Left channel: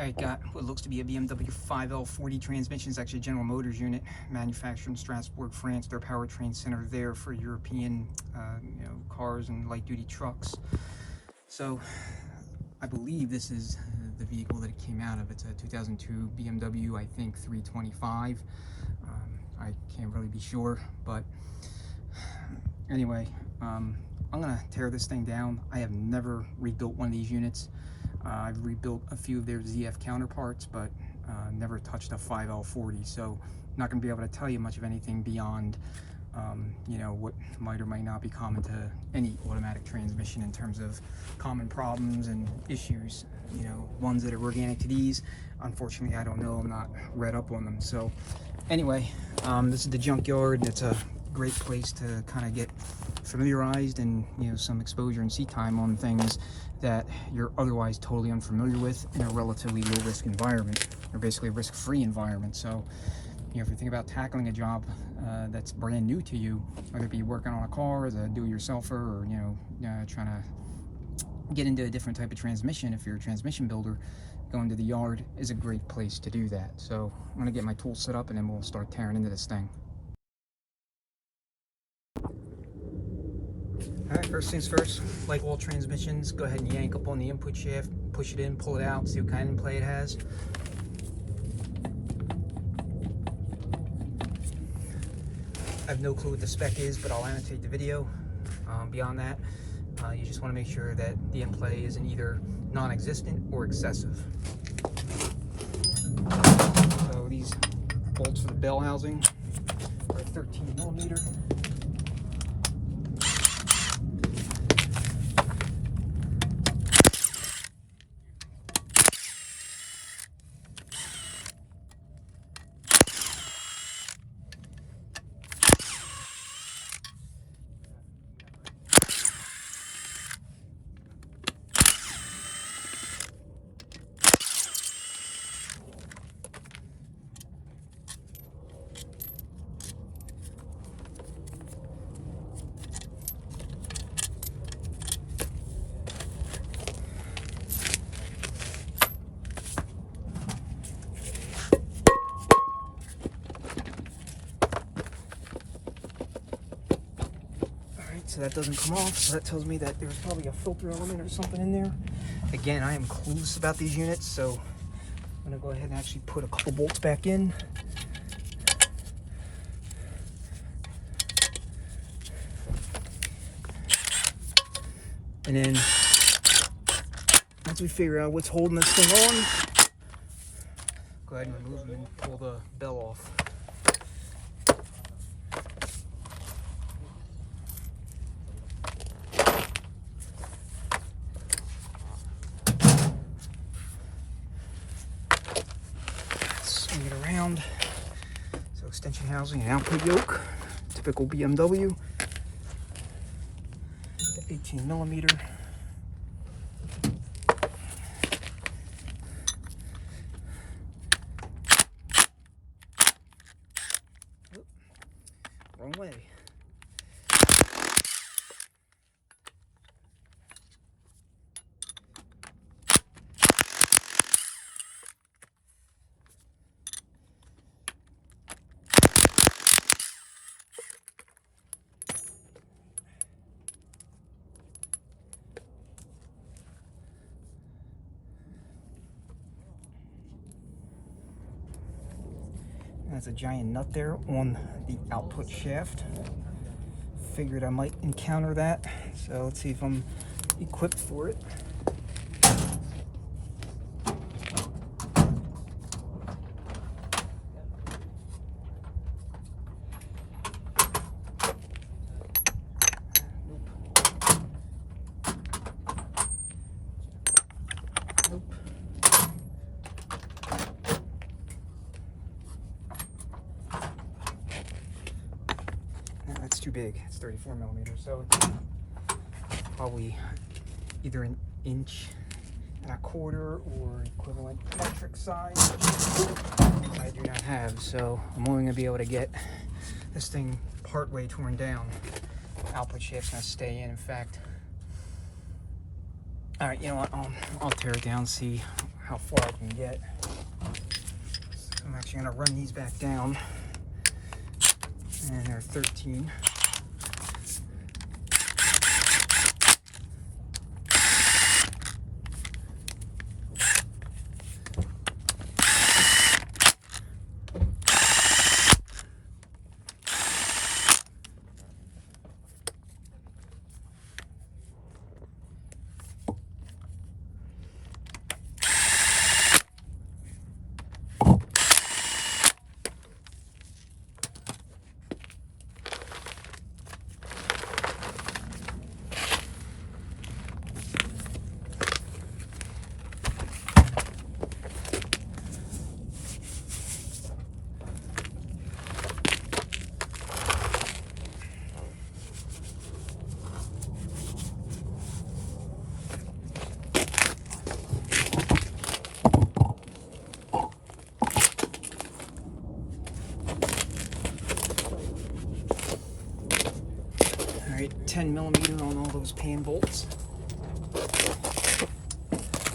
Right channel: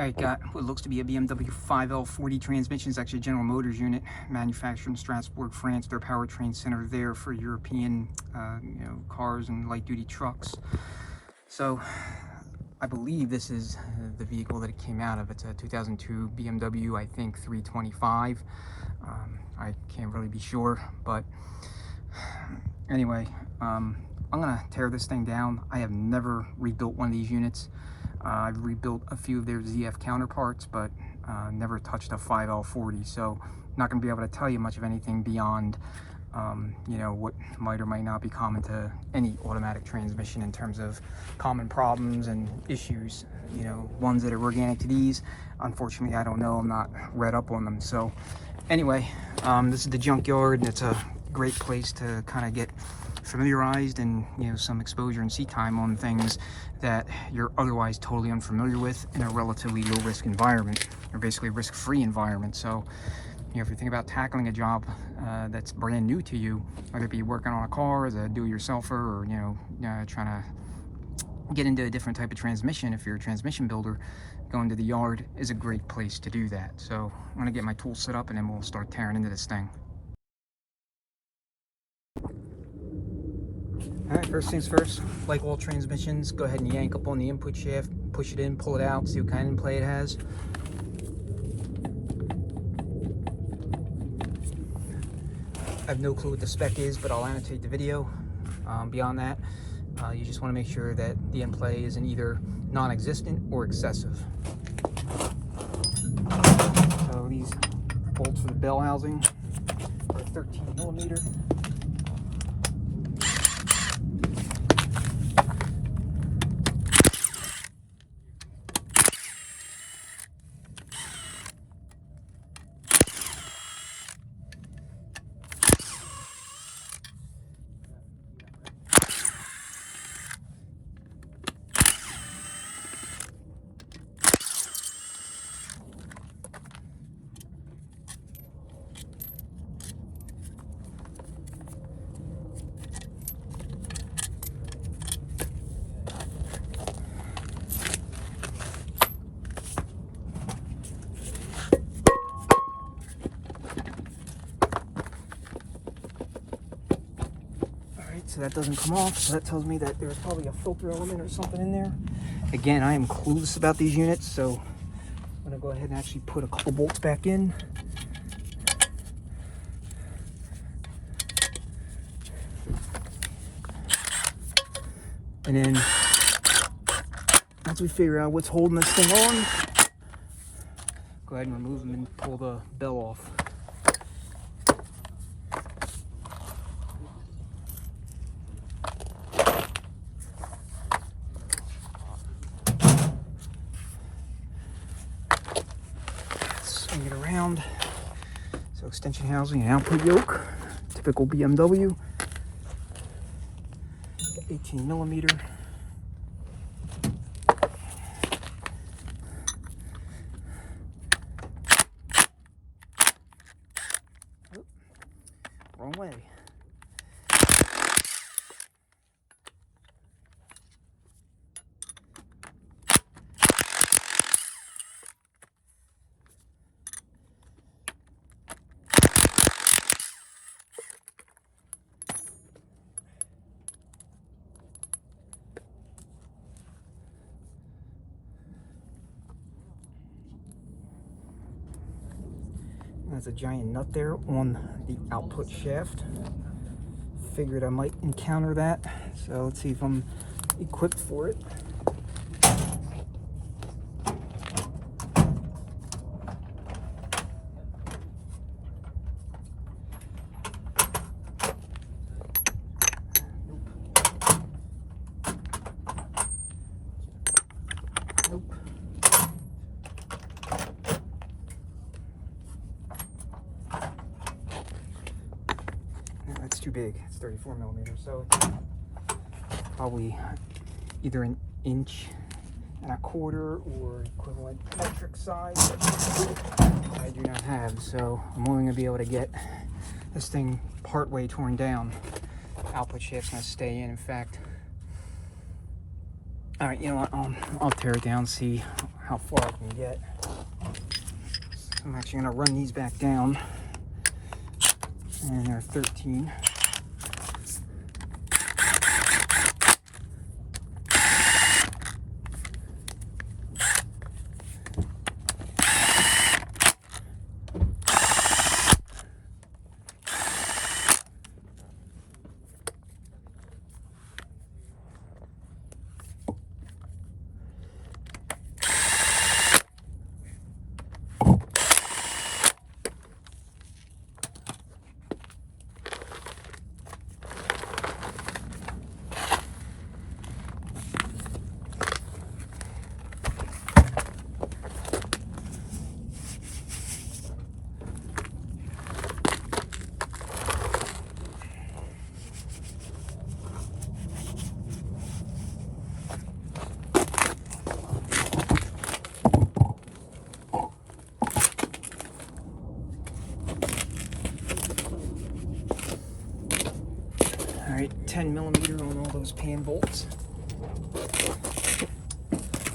Alright, got what looks to be a BMW 5L40 transmission. It's actually a General Motors unit, manufactured in Strasbourg, France. Their powertrain center there for European cars and light-duty trucks. So I believe this is the vehicle that it came out of. It's a 2002 BMW, I think 325. I can't really be sure, but anyway, I'm gonna tear this thing down. I have never rebuilt one of these units. I've rebuilt a few of their ZF counterparts, but never touched a 5L40, so I'm not going to be able to tell you much of anything beyond what might or might not be common to any automatic transmission in terms of common problems and issues. Ones that are organic to these, unfortunately I don't know, I'm not read up on them. So anyway, this is the Junkyard, and it's a great place to kind of get familiarized and some exposure and see time on things that you're otherwise totally unfamiliar with in a relatively low risk environment, or basically a risk-free environment. So if you think about tackling a job that's brand new to you, whether it be working on a car as a do-it-yourselfer, or trying to get into a different type of transmission, if you're a transmission builder, going to the yard is a great place to do that. So I'm going to get my tools set up and then we'll start tearing into this thing. Alright, first things first, like all transmissions, go ahead and yank up on the input shaft, push it in, pull it out, see what kind of play it has. I have no clue what the spec is, but I'll annotate the video. Beyond that, you just want to make sure that the end play isn't either non-existent or excessive. So these bolts for the bell housing are 13mm. So that doesn't come off, so that tells me that there's probably a filter element or something in there. Again, I am clueless about these units, so I'm going to go ahead and actually put a couple bolts back in. And then, once we figure out what's holding this thing on, go ahead and remove them and pull the bell off. Swing it around. So extension housing and output yoke, typical BMW, 18mm. Oh, wrong way. There's a giant nut there on the output shaft. Figured I might encounter that, so let's see if I'm equipped for it. Nope. That's too big. It's 34mm, so it's probably either an inch and a quarter or equivalent metric size. I do not have, so I'm only going to be able to get this thing partway torn down. Output shaft's going to stay in. In fact, All right, you know what? I'll tear it down, see how far I can get. I'm actually gonna run these back down, and they're 13. Alright, 10mm on all those pan bolts. I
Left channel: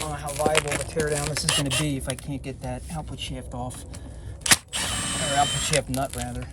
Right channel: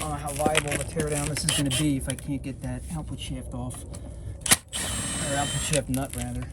don't know how viable of a teardown this is going to be if I can't get that output shaft off. Or output shaft nut, rather.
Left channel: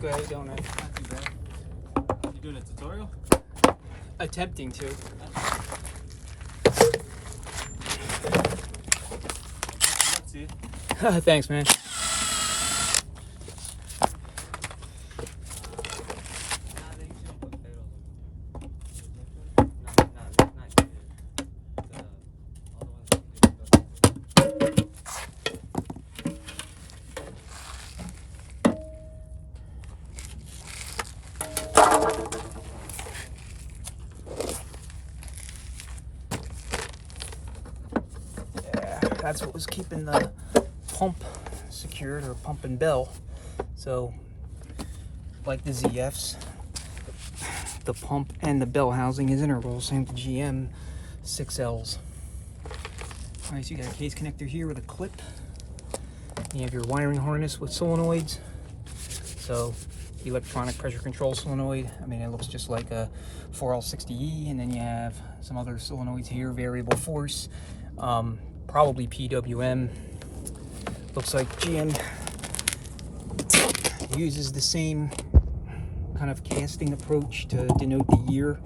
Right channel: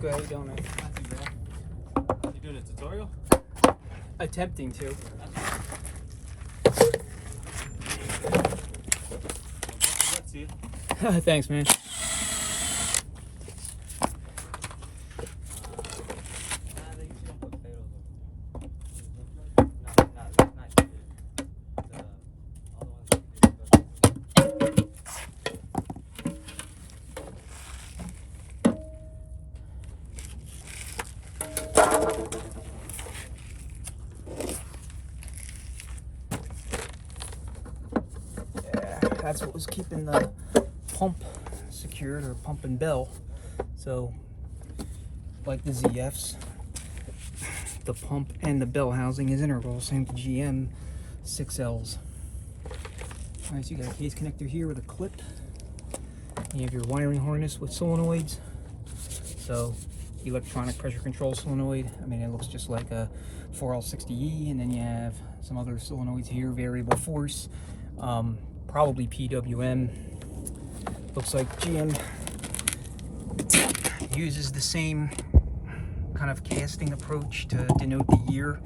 Go ahead, go, man. Not too bad. You doing a tutorial? Attempting to. Let's see. Thanks, man. That's what was keeping the pump secured, or pump and bell. So, like the ZFs, the pump and the bell housing is integral. Same with GM 6Ls. Alright, so you got a case connector here with a clip. You have your wiring harness with solenoids. So, electronic pressure control solenoid. I mean, it looks just like a 4L60E, and then you have some other solenoids here, variable force. Probably PWM. Looks like GM uses the same kind of casting approach to denote the year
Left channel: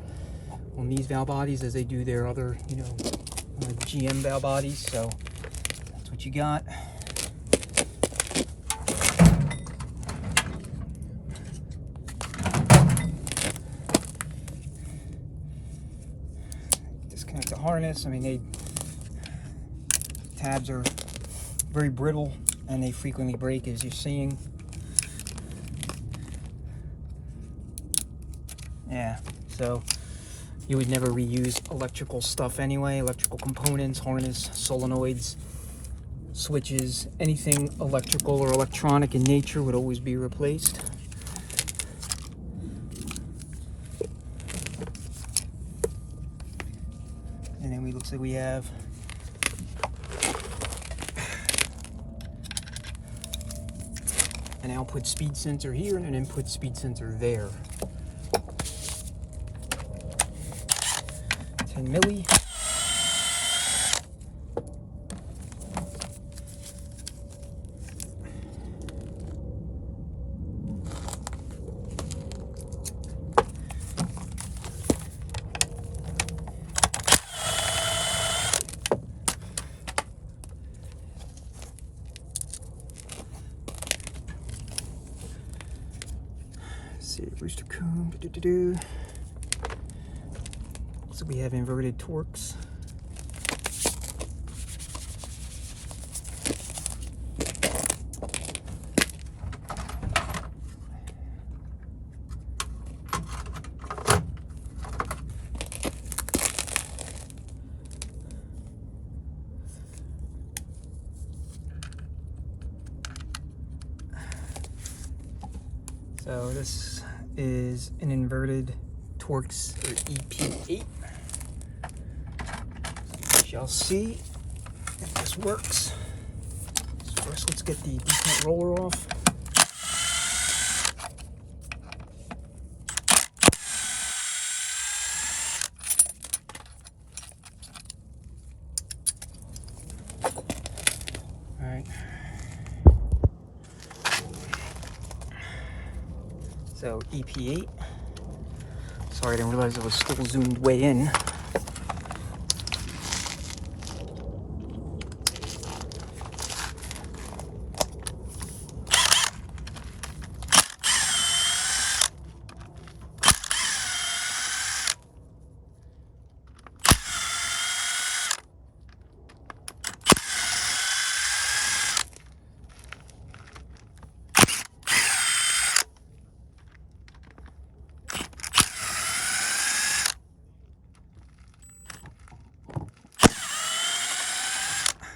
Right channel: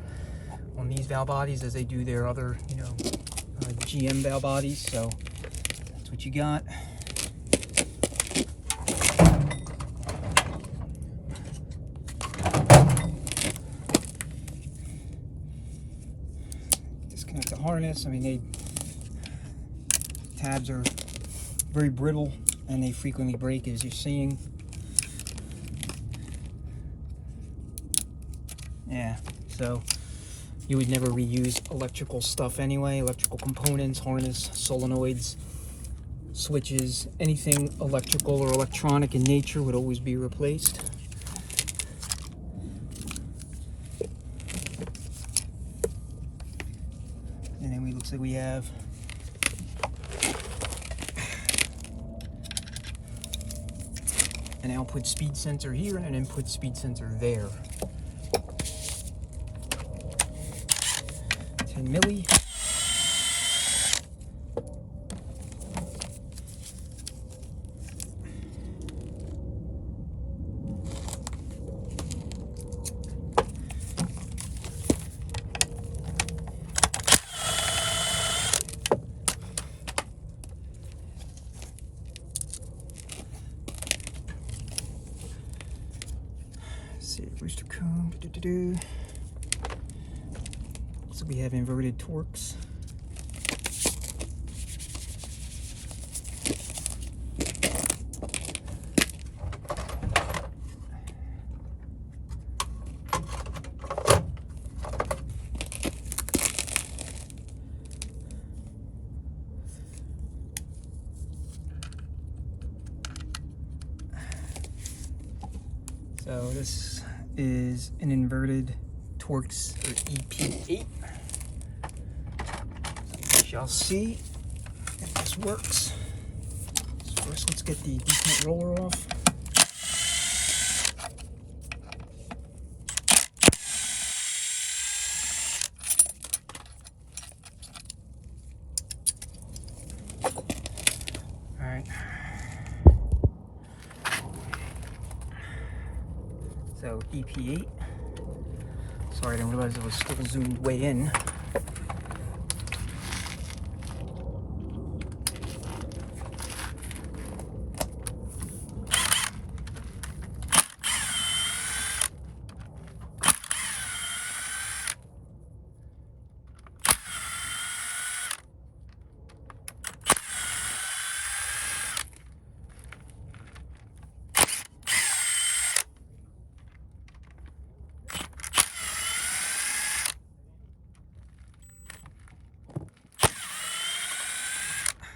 on these valve bodies as they do their other, GM valve bodies. So that's what you got. Disconnect the harness. I mean, tabs are very brittle and they frequently break, as you're seeing. Yeah, so you would never reuse electrical stuff anyway. Electrical components, harness, solenoids, switches, anything electrical or electronic in nature would always be replaced. And then looks like we have an output speed sensor here and an input speed sensor there. 10 milli. So we have inverted Torx. So this is an inverted Torx, or EP8. We shall see if this works. So first, let's get the detent roller off. All right. So EP8. Sorry, I didn't realize it was still zoomed way in.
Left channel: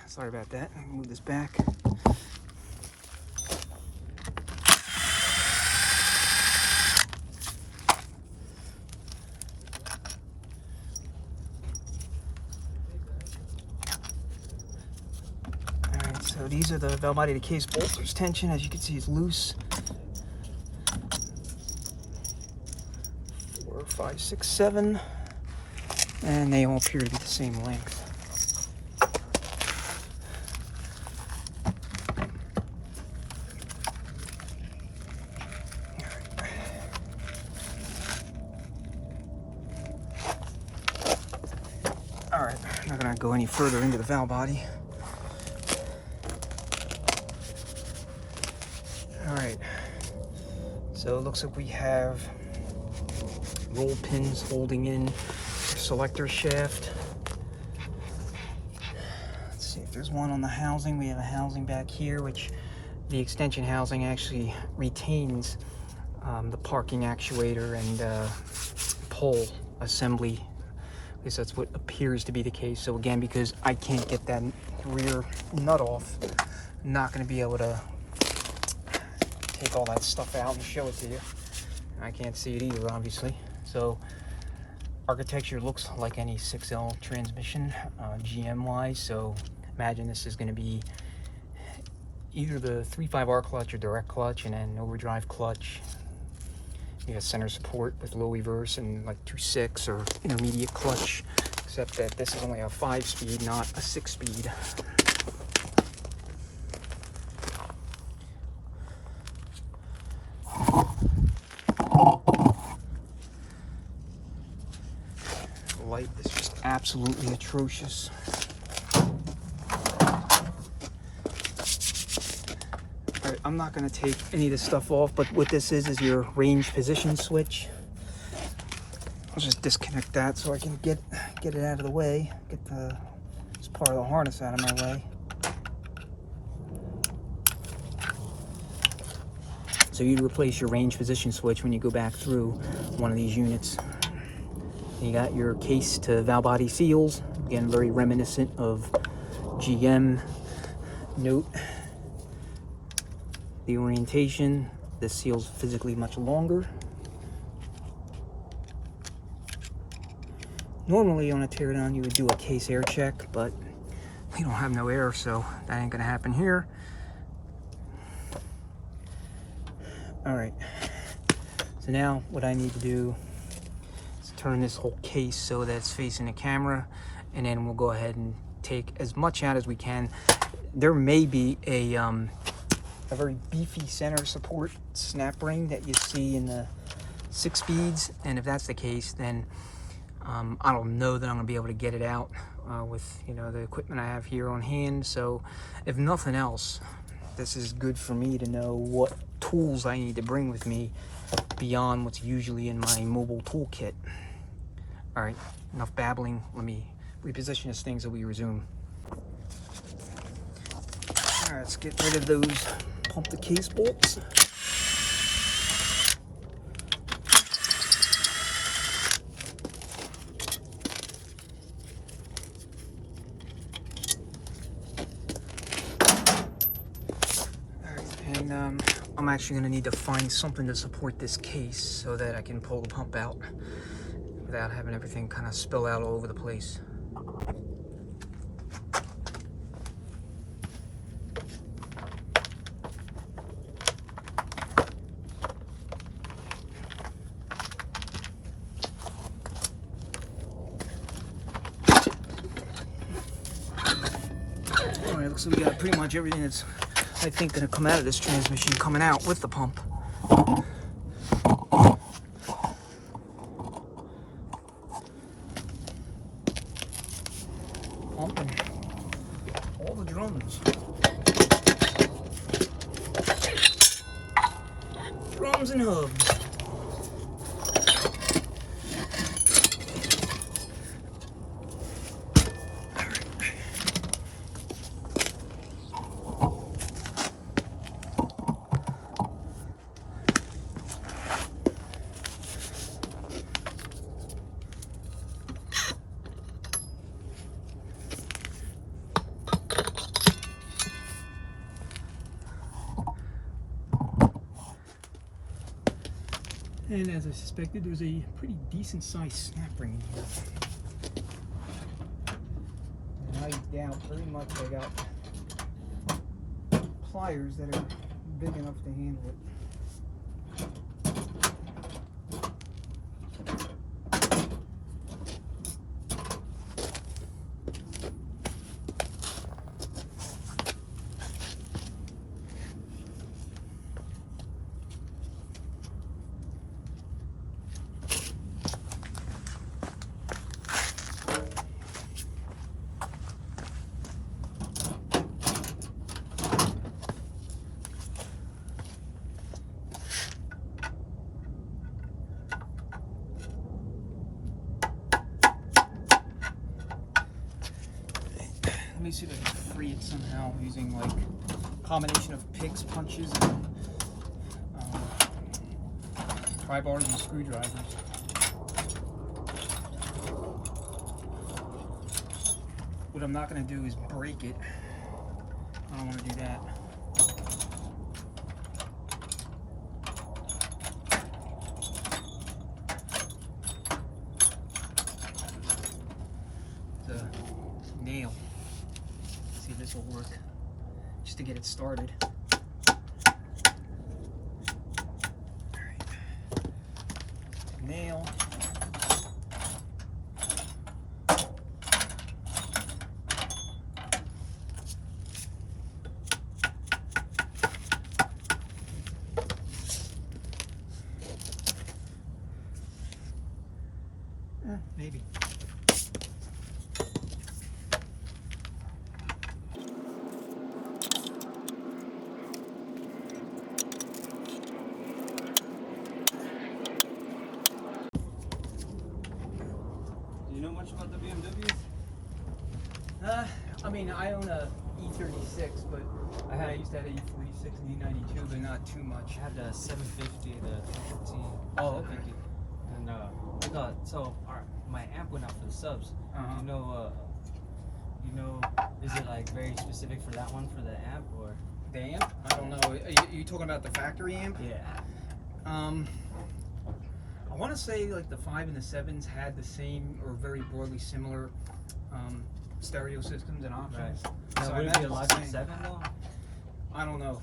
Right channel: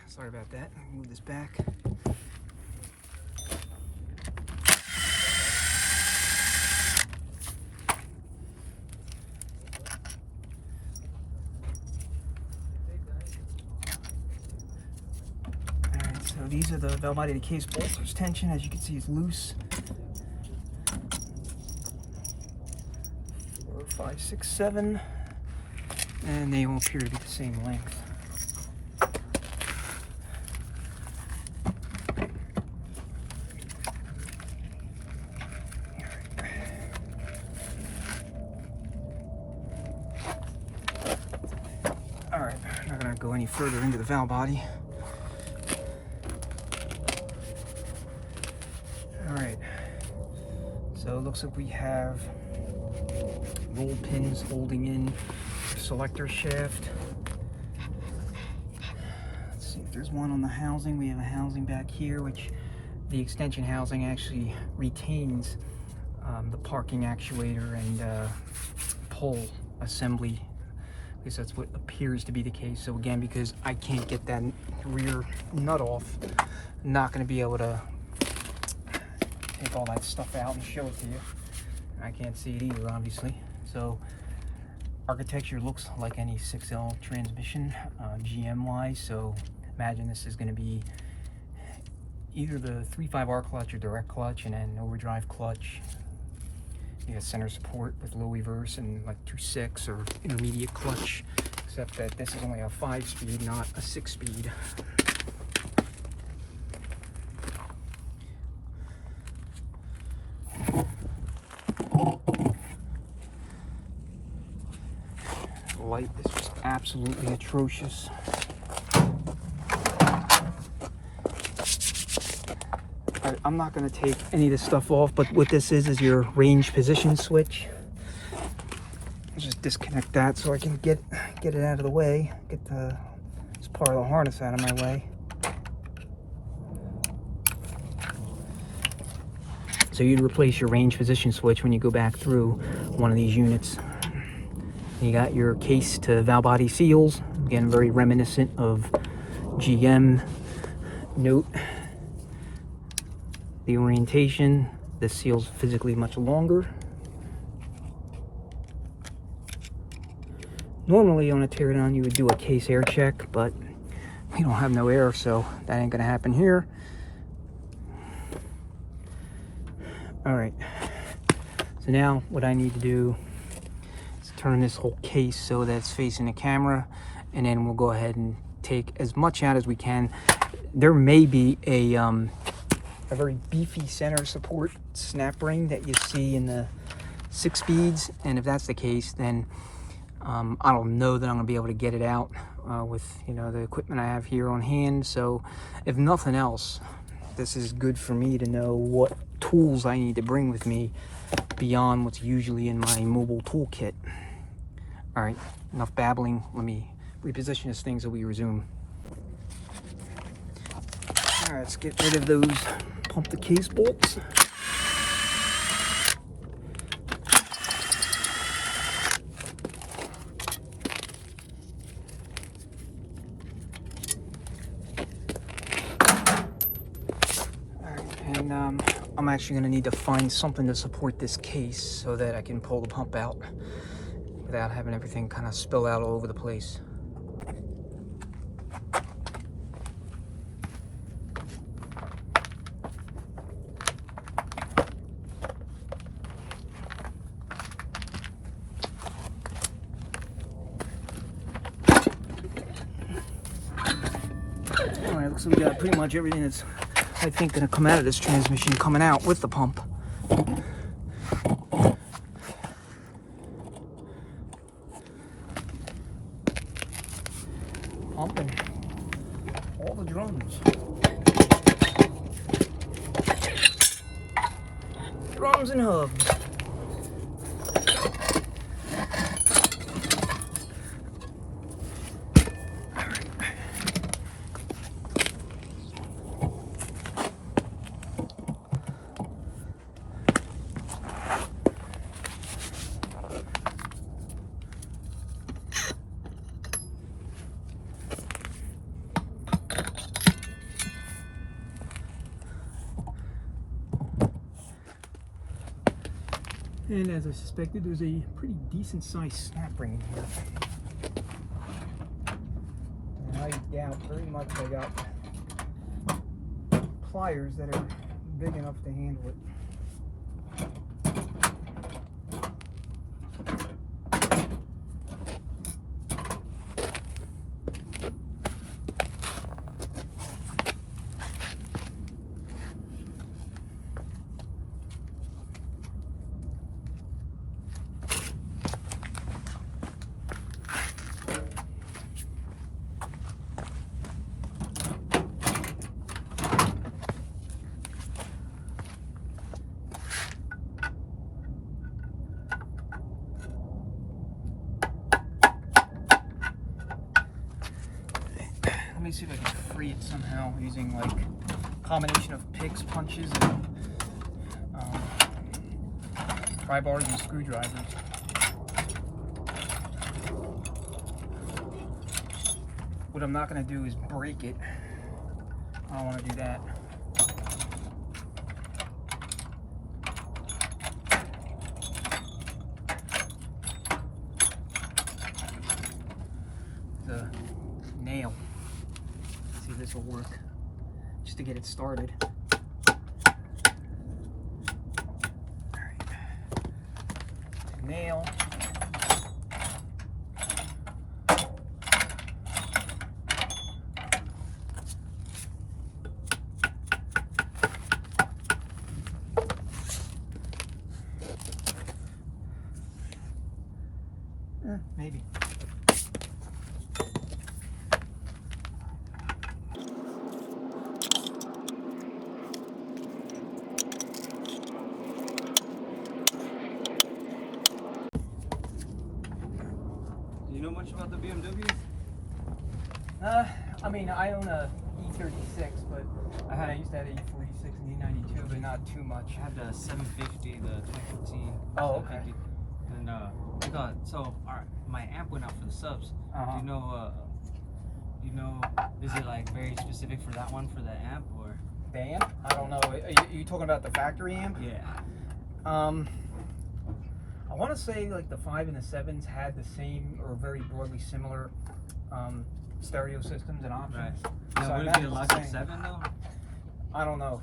Sorry about that. I can move this back. Alright, so these are the valve body to case bolts. There's tension, as you can see, it's loose. 4, 5, 6, 7. And they all appear to be the same length. Alright, I'm not going to go any further into the valve body. Alright, so it looks like we have roll pins holding in the selector shaft. Let's see if there's one on the housing. We have a housing back here, which the extension housing actually retains the parking actuator and pole assembly. At least that's what appears to be the case. So again, because I can't get that rear nut off, I'm not going to be able to take all that stuff out and show it to you. I can't see it either, obviously. So architecture looks like any 6L transmission, GM wise. So imagine this is going to be either the 3.5R clutch or direct clutch, and then overdrive clutch. You got center support with low reverse and like 2.6 or intermediate clutch, except that this is only a 5-speed, not a 6-speed. The light is just absolutely atrocious. Alright, I'm not going to take any of this stuff off, but what this is your range position switch. I'll just disconnect that so I can get it out of the way, get this part of the harness out of my way. So you'd replace your range position switch when you go back through one of these units. You got your case to valve body seals, again very reminiscent of GM. Note the orientation, this seal's physically much longer. Normally on a teardown you would do a case air check, but we don't have no air, so that ain't gonna happen here. Alright, so now what I need to do is turn this whole case so that it's facing the camera, and then we'll go ahead and take as much out as we can. There may be a very beefy center support snap ring that you see in the 6 speeds, and if that's the case, then I don't know that I'm gonna be able to get it out with the equipment I have here on hand. So if nothing else, this is good for me to know what tools I need to bring with me beyond what's usually in my mobile toolkit. All right, enough babbling. Let me reposition this thing so we resume. All right, let's get rid of those pump the case bolts. I'm actually going to need to find something to support this case so that I can pull the pump out without having everything kind of spill out all over the place. Alright, looks like we got pretty much everything that's, I think, going to come out of this transmission coming out with the pump. Pumping all the drums. Drums and hubs. And as I suspected, there's a pretty decent sized snap ring in here. And I doubt very much I got pliers that are big enough to handle it. Let me see if I can free it somehow using like a combination of picks, punches, and pry bars and screwdrivers. What I'm not going to do is break it. I don't want to do that. The nail. See if this will work, just to get it started. Alright. Nail. Maybe. Much about the BMW? I mean, I own a E36, but I used to have an E46 and E92, but not too much. I had the 750, the 2015. Oh, okay. And my amp went out for the subs. Is it like very specific for that one, for the amp, or? The amp? I don't know. Are you talking about the factory amp? Yeah. I want to say like the 5 and the 7s had the same or very broadly similar stereo systems and options. Right. So would it be a Logic 7 though? I don't know.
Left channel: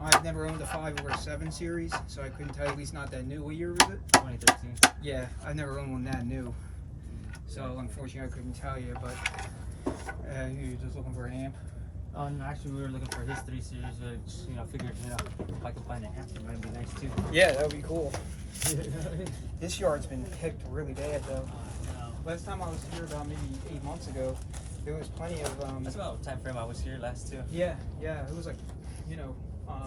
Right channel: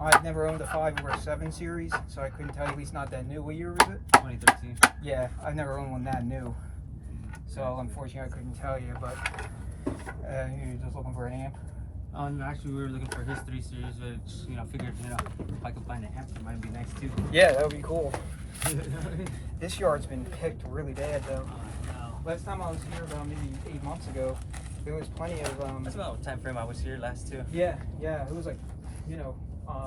I've never owned a 5 or a 7 series, so I couldn't tell you, at least not that new. What year was it? 2013. Yeah, I've never owned one that new. So unfortunately I couldn't tell you, but you're just looking for an amp? Actually, we were looking for his 3 series, but figured, if I could find an amp, it might be nice too. Yeah, that would be cool. This yard's been picked really bad though. No. Last time I was here, about maybe 8 months ago, there was plenty of That's about the time frame I was here last too. yeah, it was like,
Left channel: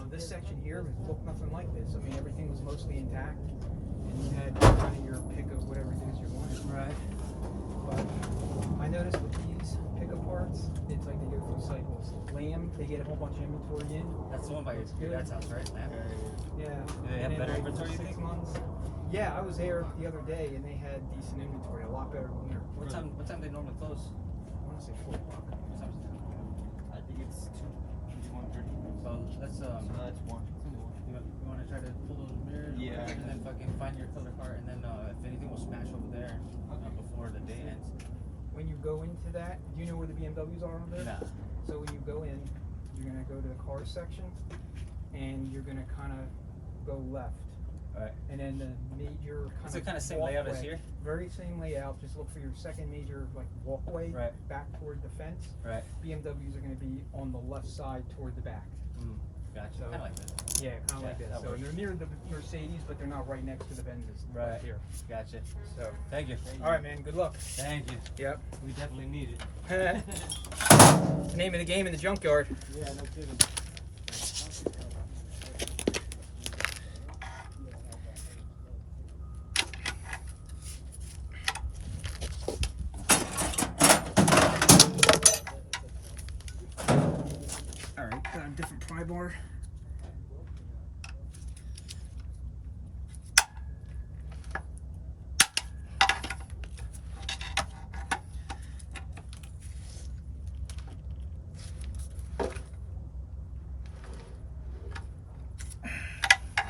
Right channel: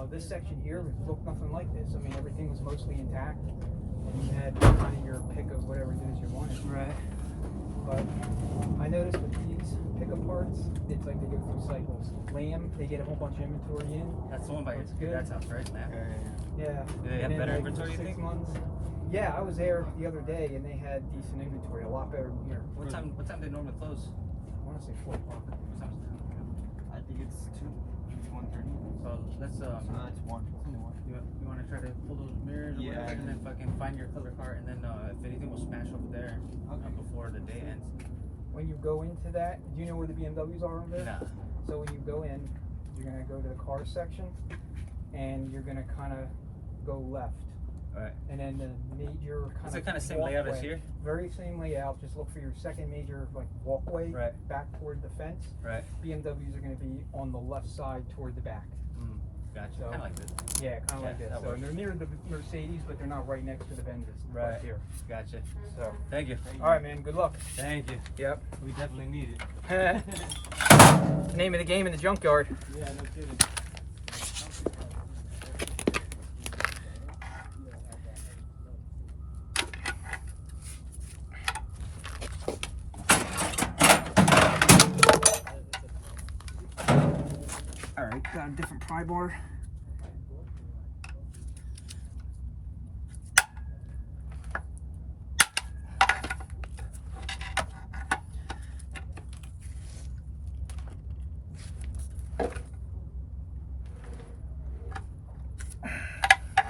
This section here looked nothing like this. I mean, everything was mostly intact, and you had kind of your pick of whatever it is you wanted. Right. But I noticed with these pickup parts, it's like they go through cycles. Lamb, they get a whole bunch of inventory in. That's the one by Looks good. your dad's house, right? Yeah. Yeah, And then better like inventory, you 6 think? months. Yeah, I was there the other day, and they had decent inventory, a lot better than here. What time they normally close? I want to say 4 o'clock. I think it's 2. It's 1:30. So let's It's 1. you want to try to pull those mirrors? or Yeah. whatever, and then fucking find your color card, and then if anything, we'll smash over there before the day ends. When you go into that, do you know where the BMWs are over there? Yeah. So when you go in, you're gonna go to the car section, and you're gonna kind of go left. Alright. And then the major kind Is of it kind of same layout as walkway- here? Very same layout. Just look for your second major like walkway Right. back toward the fence. Right. BMWs are going to be on the left side toward the back. Gotcha. So- Kind of like this. Yeah, kind of like Yeah, this. that So works. they're near the Mercedes, but they're not right next to the Benzes. Right. Right here. Gotcha. So, Thank you. all right, man. Good luck. Thank you. Yep. We definitely need it. It's the name of the game in the junkyard. Yeah, no kidding. All right, got a different pry bar.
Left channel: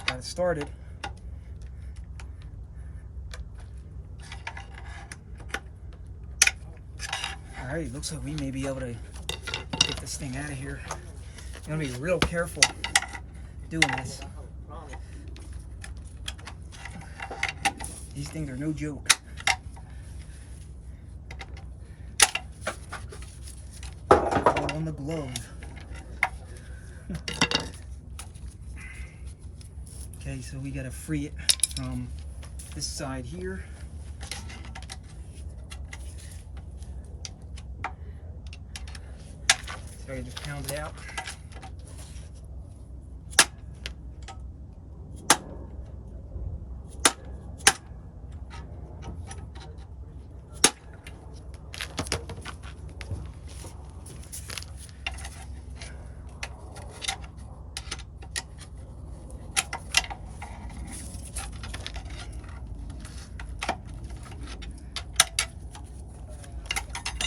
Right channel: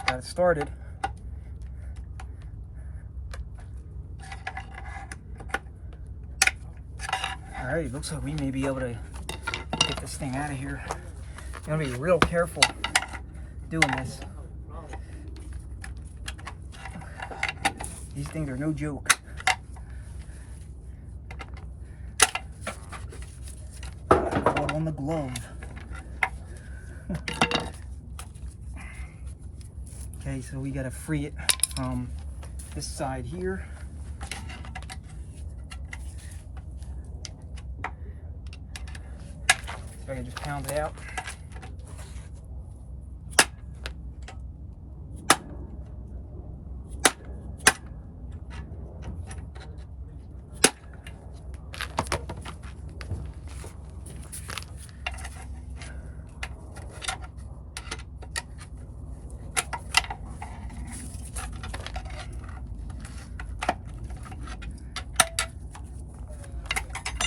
Got it started. All right, looks like we may be able to get this thing out of here. You gotta be real careful doing this. These things are no joke. All on the glove. Okay, so we gotta free it from this side here. So I can just pound it out.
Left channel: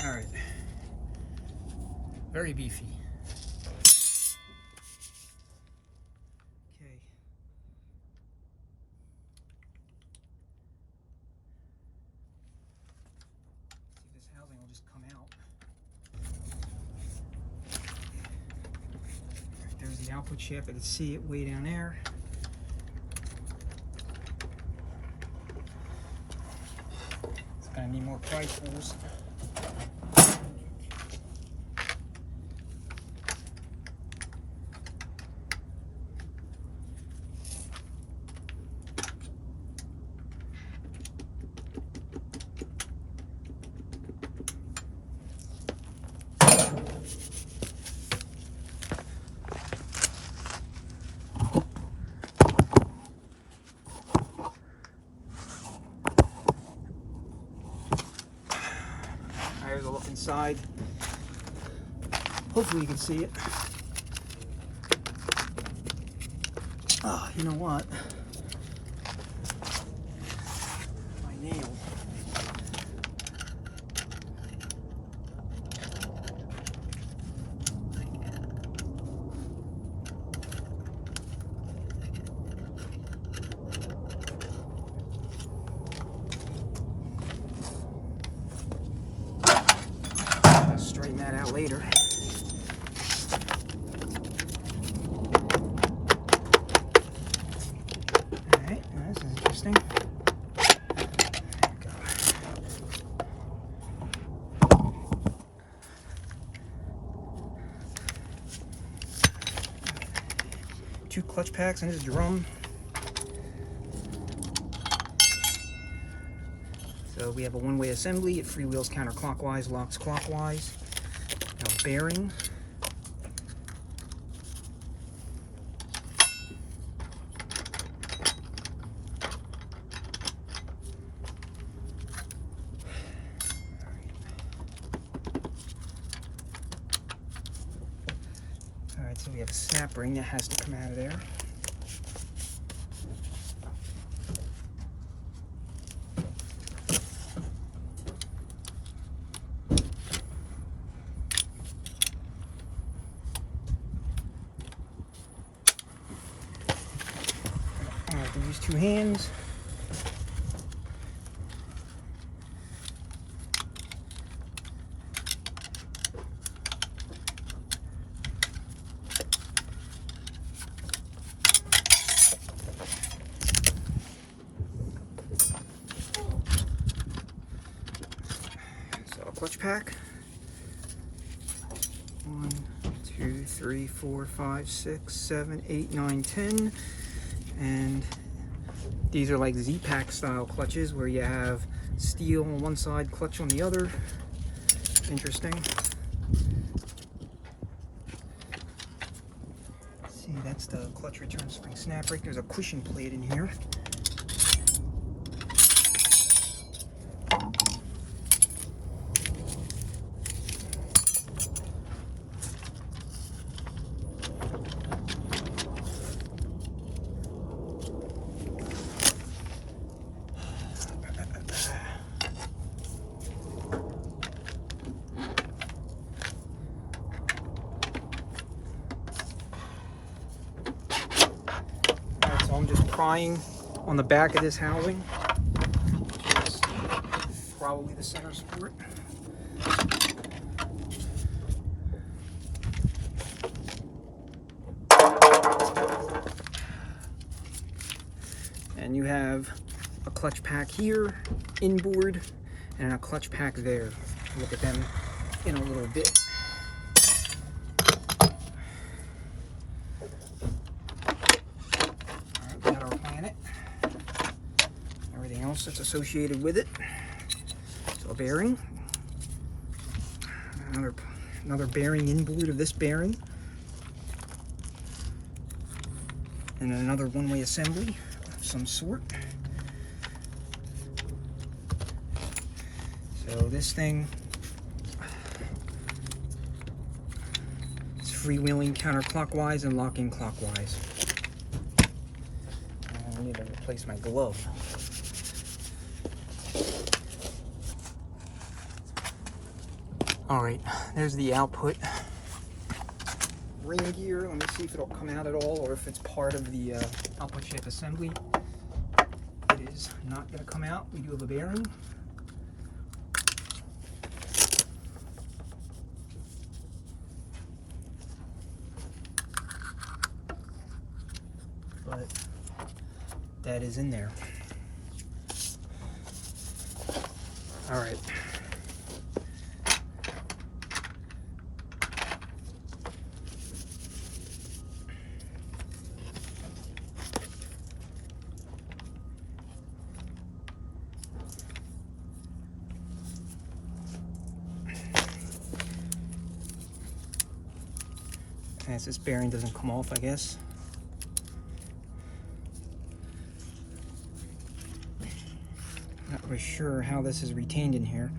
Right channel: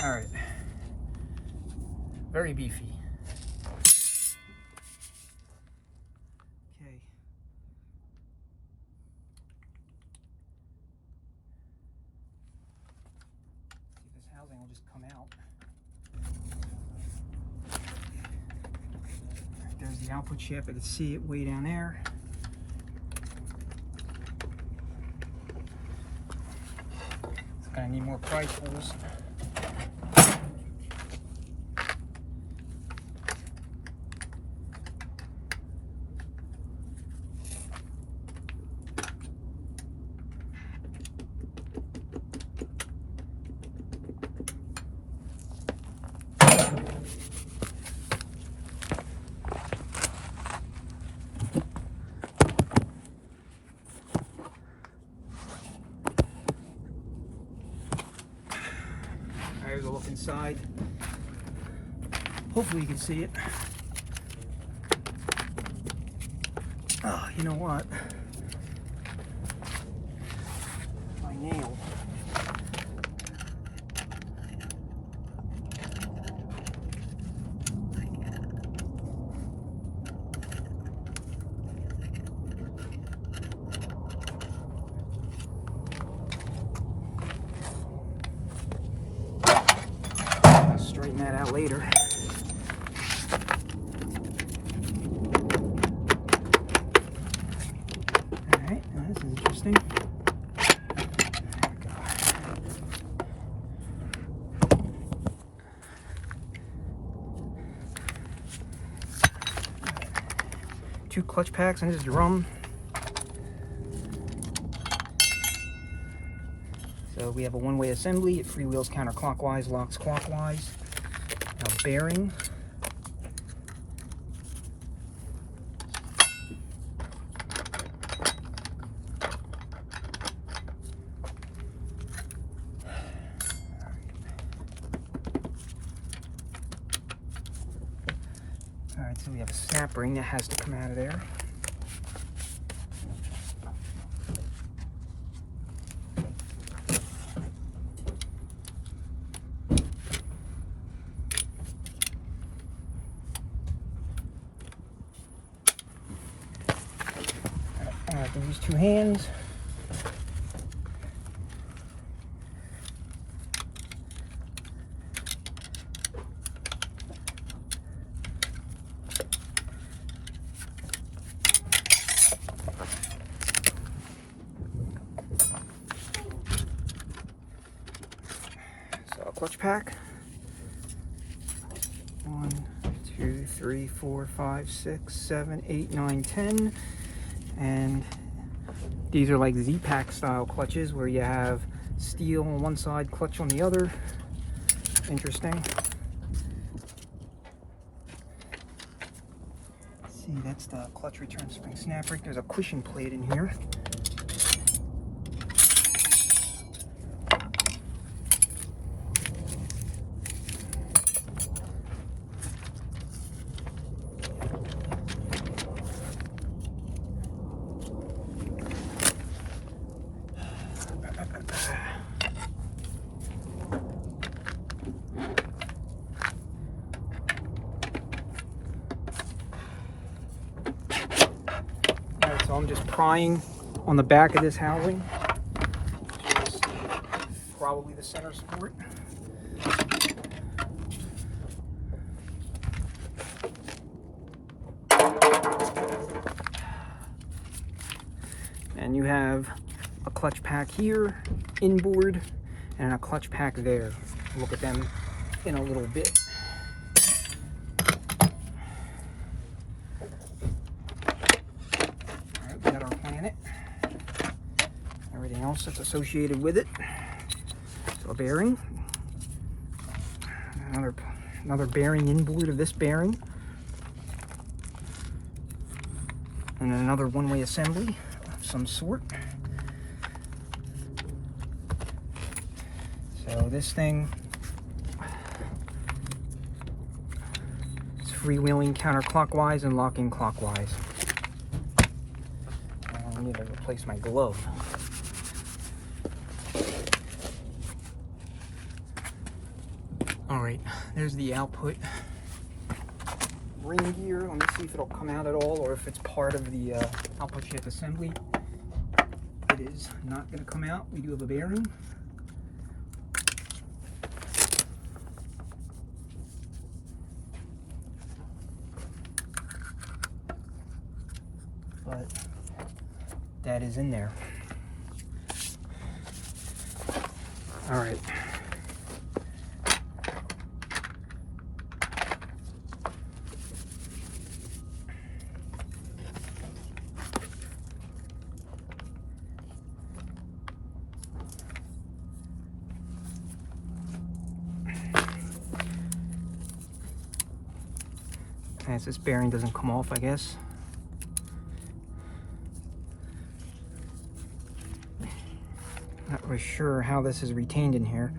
All right, very beefy. Okay. See if this housing will just come out. There's the output shaft. I can see it way down there. It's gonna need more pry tools. There's a look inside. Hopefully you can see it. Oh, you know what? My nail. Straighten that out later. Alright, this is interesting. There we go. Two clutch packs and this drum. So we have a one-way assembly. It freewheels counterclockwise, locks clockwise. A bearing. Alright, so we have a snap ring that has to come out of there. I have to use two hands. So a clutch pack. 1, 2, 3, 4, 5, 6, 7, 8, 9, 10. And these are like Z-Pack style clutches where you have steel on one side, clutch on the other. Interesting. See, that's the clutch return spring snap ring. There's a cushion plate in here. So I'm just prying on the back of this housing, which is probably the center support. And you have a clutch pack here, inboard, and a clutch pack there. We'll look at them in a little bit. Everything else that's associated with it. So a bearing, another bearing inboard of this bearing, and another one-way assembly of some sort. So this thing is freewheeling counterclockwise and locking clockwise. I need to replace my glove. Alright, there's the output ring gear. Let me see if it'll come out at all or if it's part of the output shaft assembly. It is not going to come out. We do have a bearing. But that is in there. Alright. As this bearing doesn't come off, I guess. Not really sure how this is retained in here.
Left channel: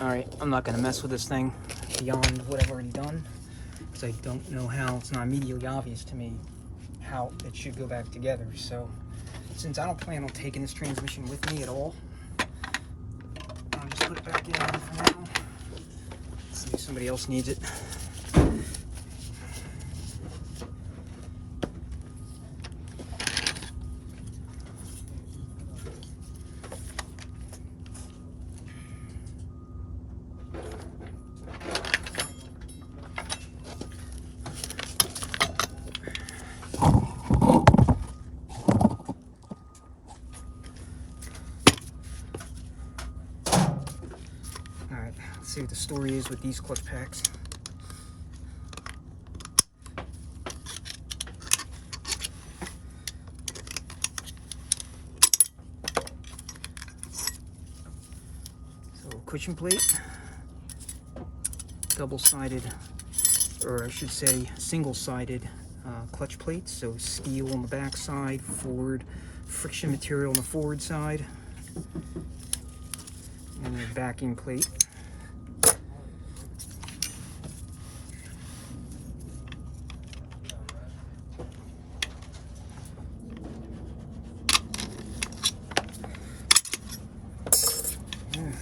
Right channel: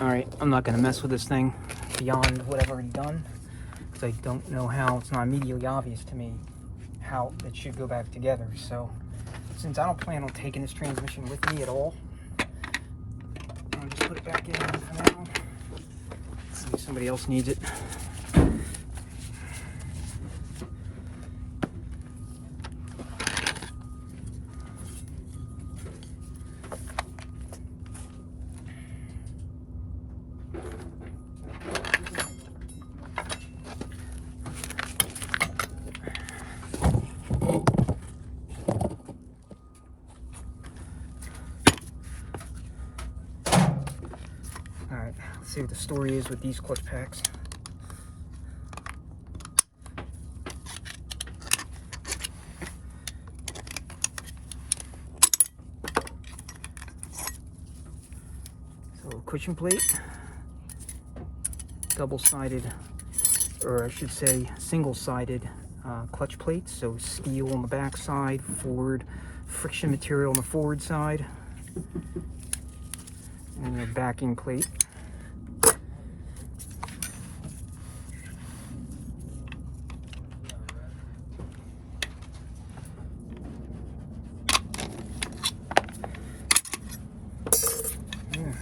Alright, I'm not going to mess with this thing beyond what I've already done, because I don't know how, it's not immediately obvious to me how it should go back together. So, since I don't plan on taking this transmission with me at all, I'll just put it back in for now. Maybe somebody else needs it. see what the story is with these clutch packs. So cushion plate, double-sided, or I should say single-sided clutch plates. So steel on the back side, forward friction material on the forward side, and your backing plate.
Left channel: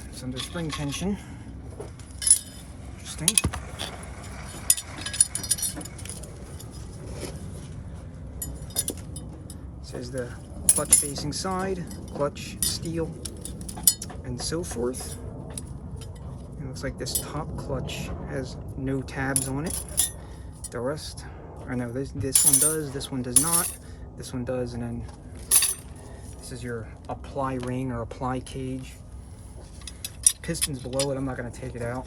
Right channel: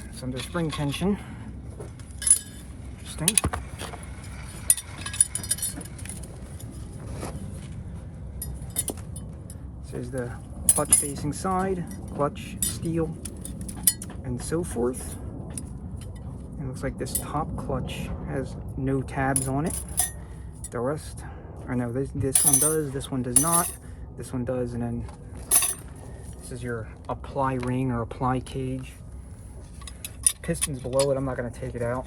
It's under spring tension. Interesting. Says the clutch facing side, clutch, steel, and so forth. It looks like this top clutch has no tabs on it. The rest, or no, this one does, this one does not, this one does, and then this is your apply ring or apply cage. Pistons below it, I'm not going to take it out.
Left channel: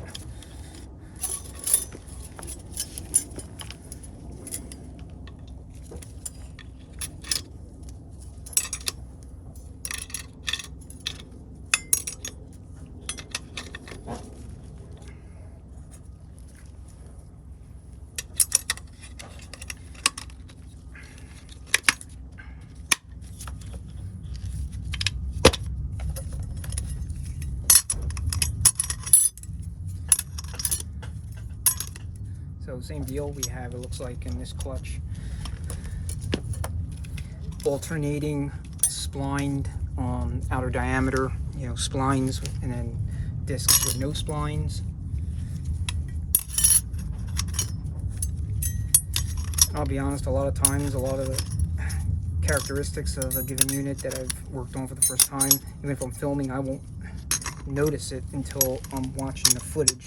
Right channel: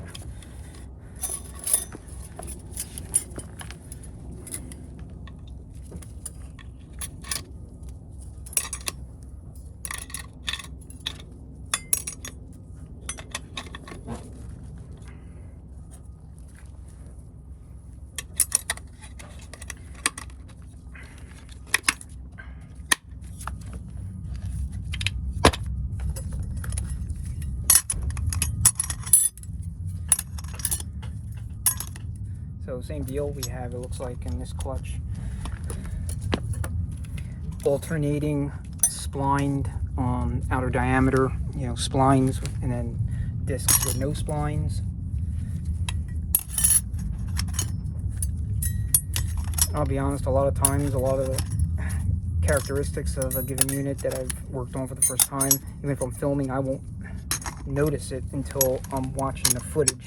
So same deal, we have, it looks like in this clutch, alternating splined outer diameter, you know, splines, and then discs with no splines. I'll be honest, a lot of times, a lot of the characteristics of a given unit that I've worked on for the first time, even if I'm filming, I won't notice it until I'm watching the footage.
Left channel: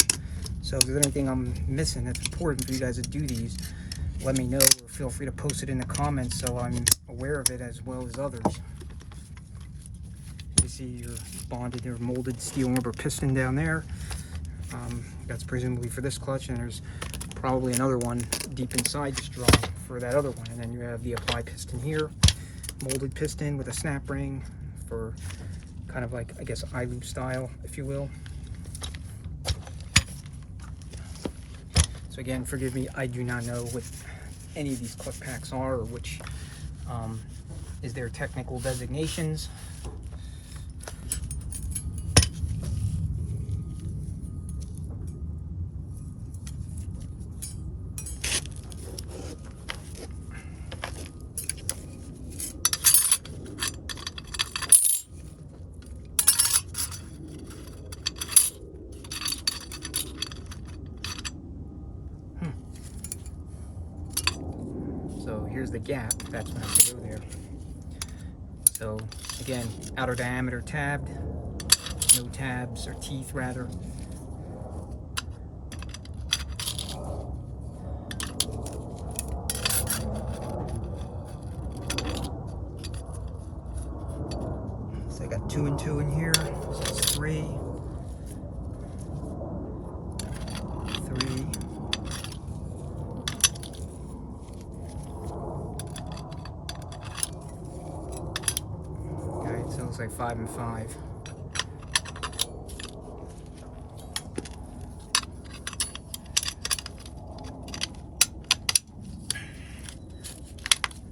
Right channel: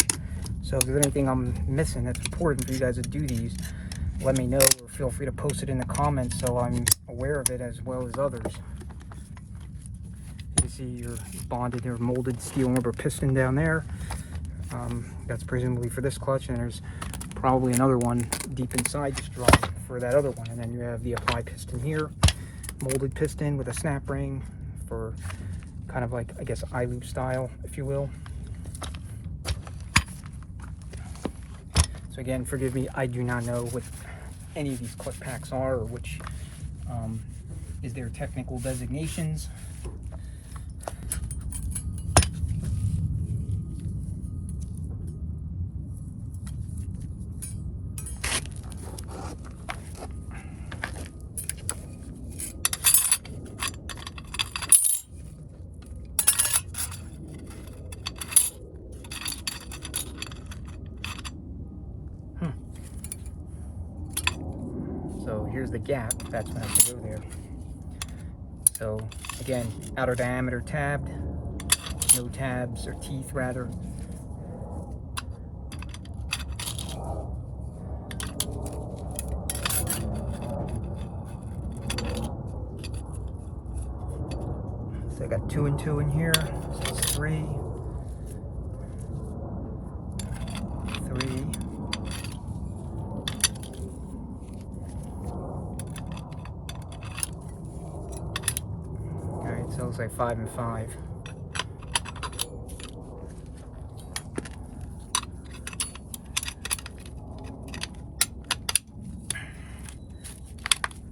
So if there's anything I'm missing that's important for you guys to do these, let me know, or feel free to post it in the comments so I'm aware of it as well as others. You see your bonded or molded steel and rubber piston down there. That's presumably for this clutch, and there's probably another one deep inside this drum for that other one. And then you have the apply piston here, molded piston with a snap ring for kind of like, I guess, eye-loop style, if you will. So again, forgive me, I do not know what any of these clutch packs are, or which is their technical designations. So here's the gap, that's when I have to go there. So again, outer diameter tabbed, no tabs, or teeth rather. So I got 2 and 2 in here, so it's 3. 3. So it looks like 5 and 5.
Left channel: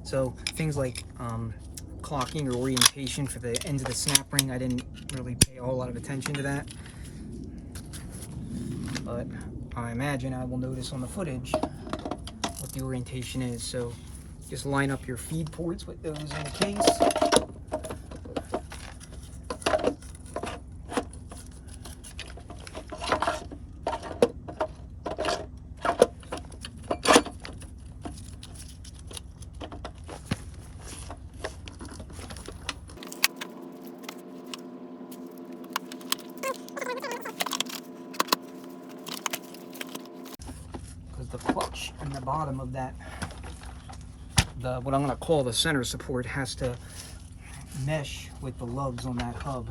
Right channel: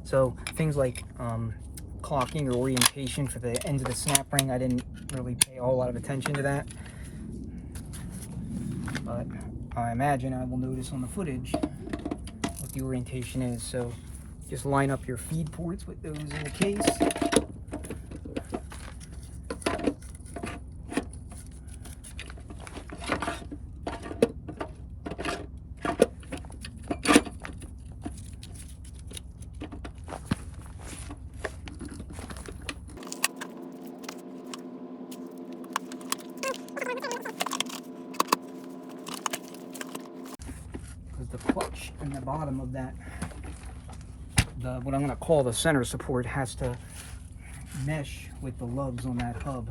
So things like clocking or orientation for the ends of the snap ring, I didn't really pay a whole lot of attention to that. But I imagine I will notice on the footage what the orientation is. So just line up your feed ports with those in the case. The clutch in the bottom of that, what I'm going to call the center support, has to mesh with the lugs on that hub.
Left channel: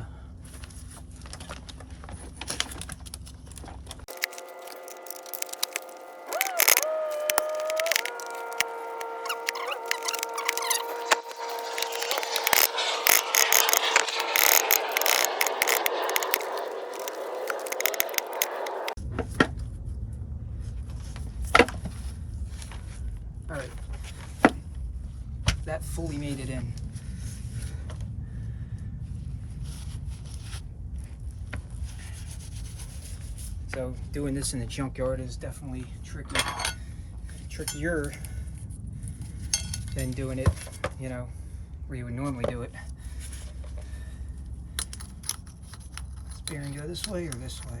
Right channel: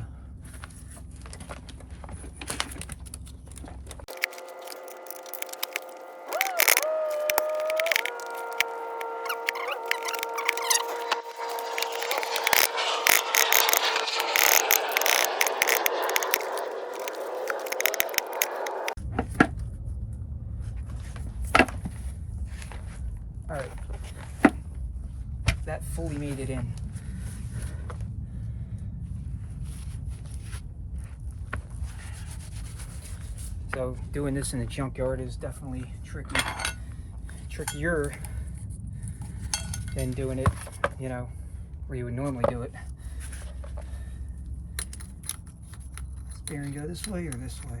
that fully made it in. So doing this in the junkyard is definitely trickier than doing it, you know, where you would normally do it. Does bearing go this way or this way?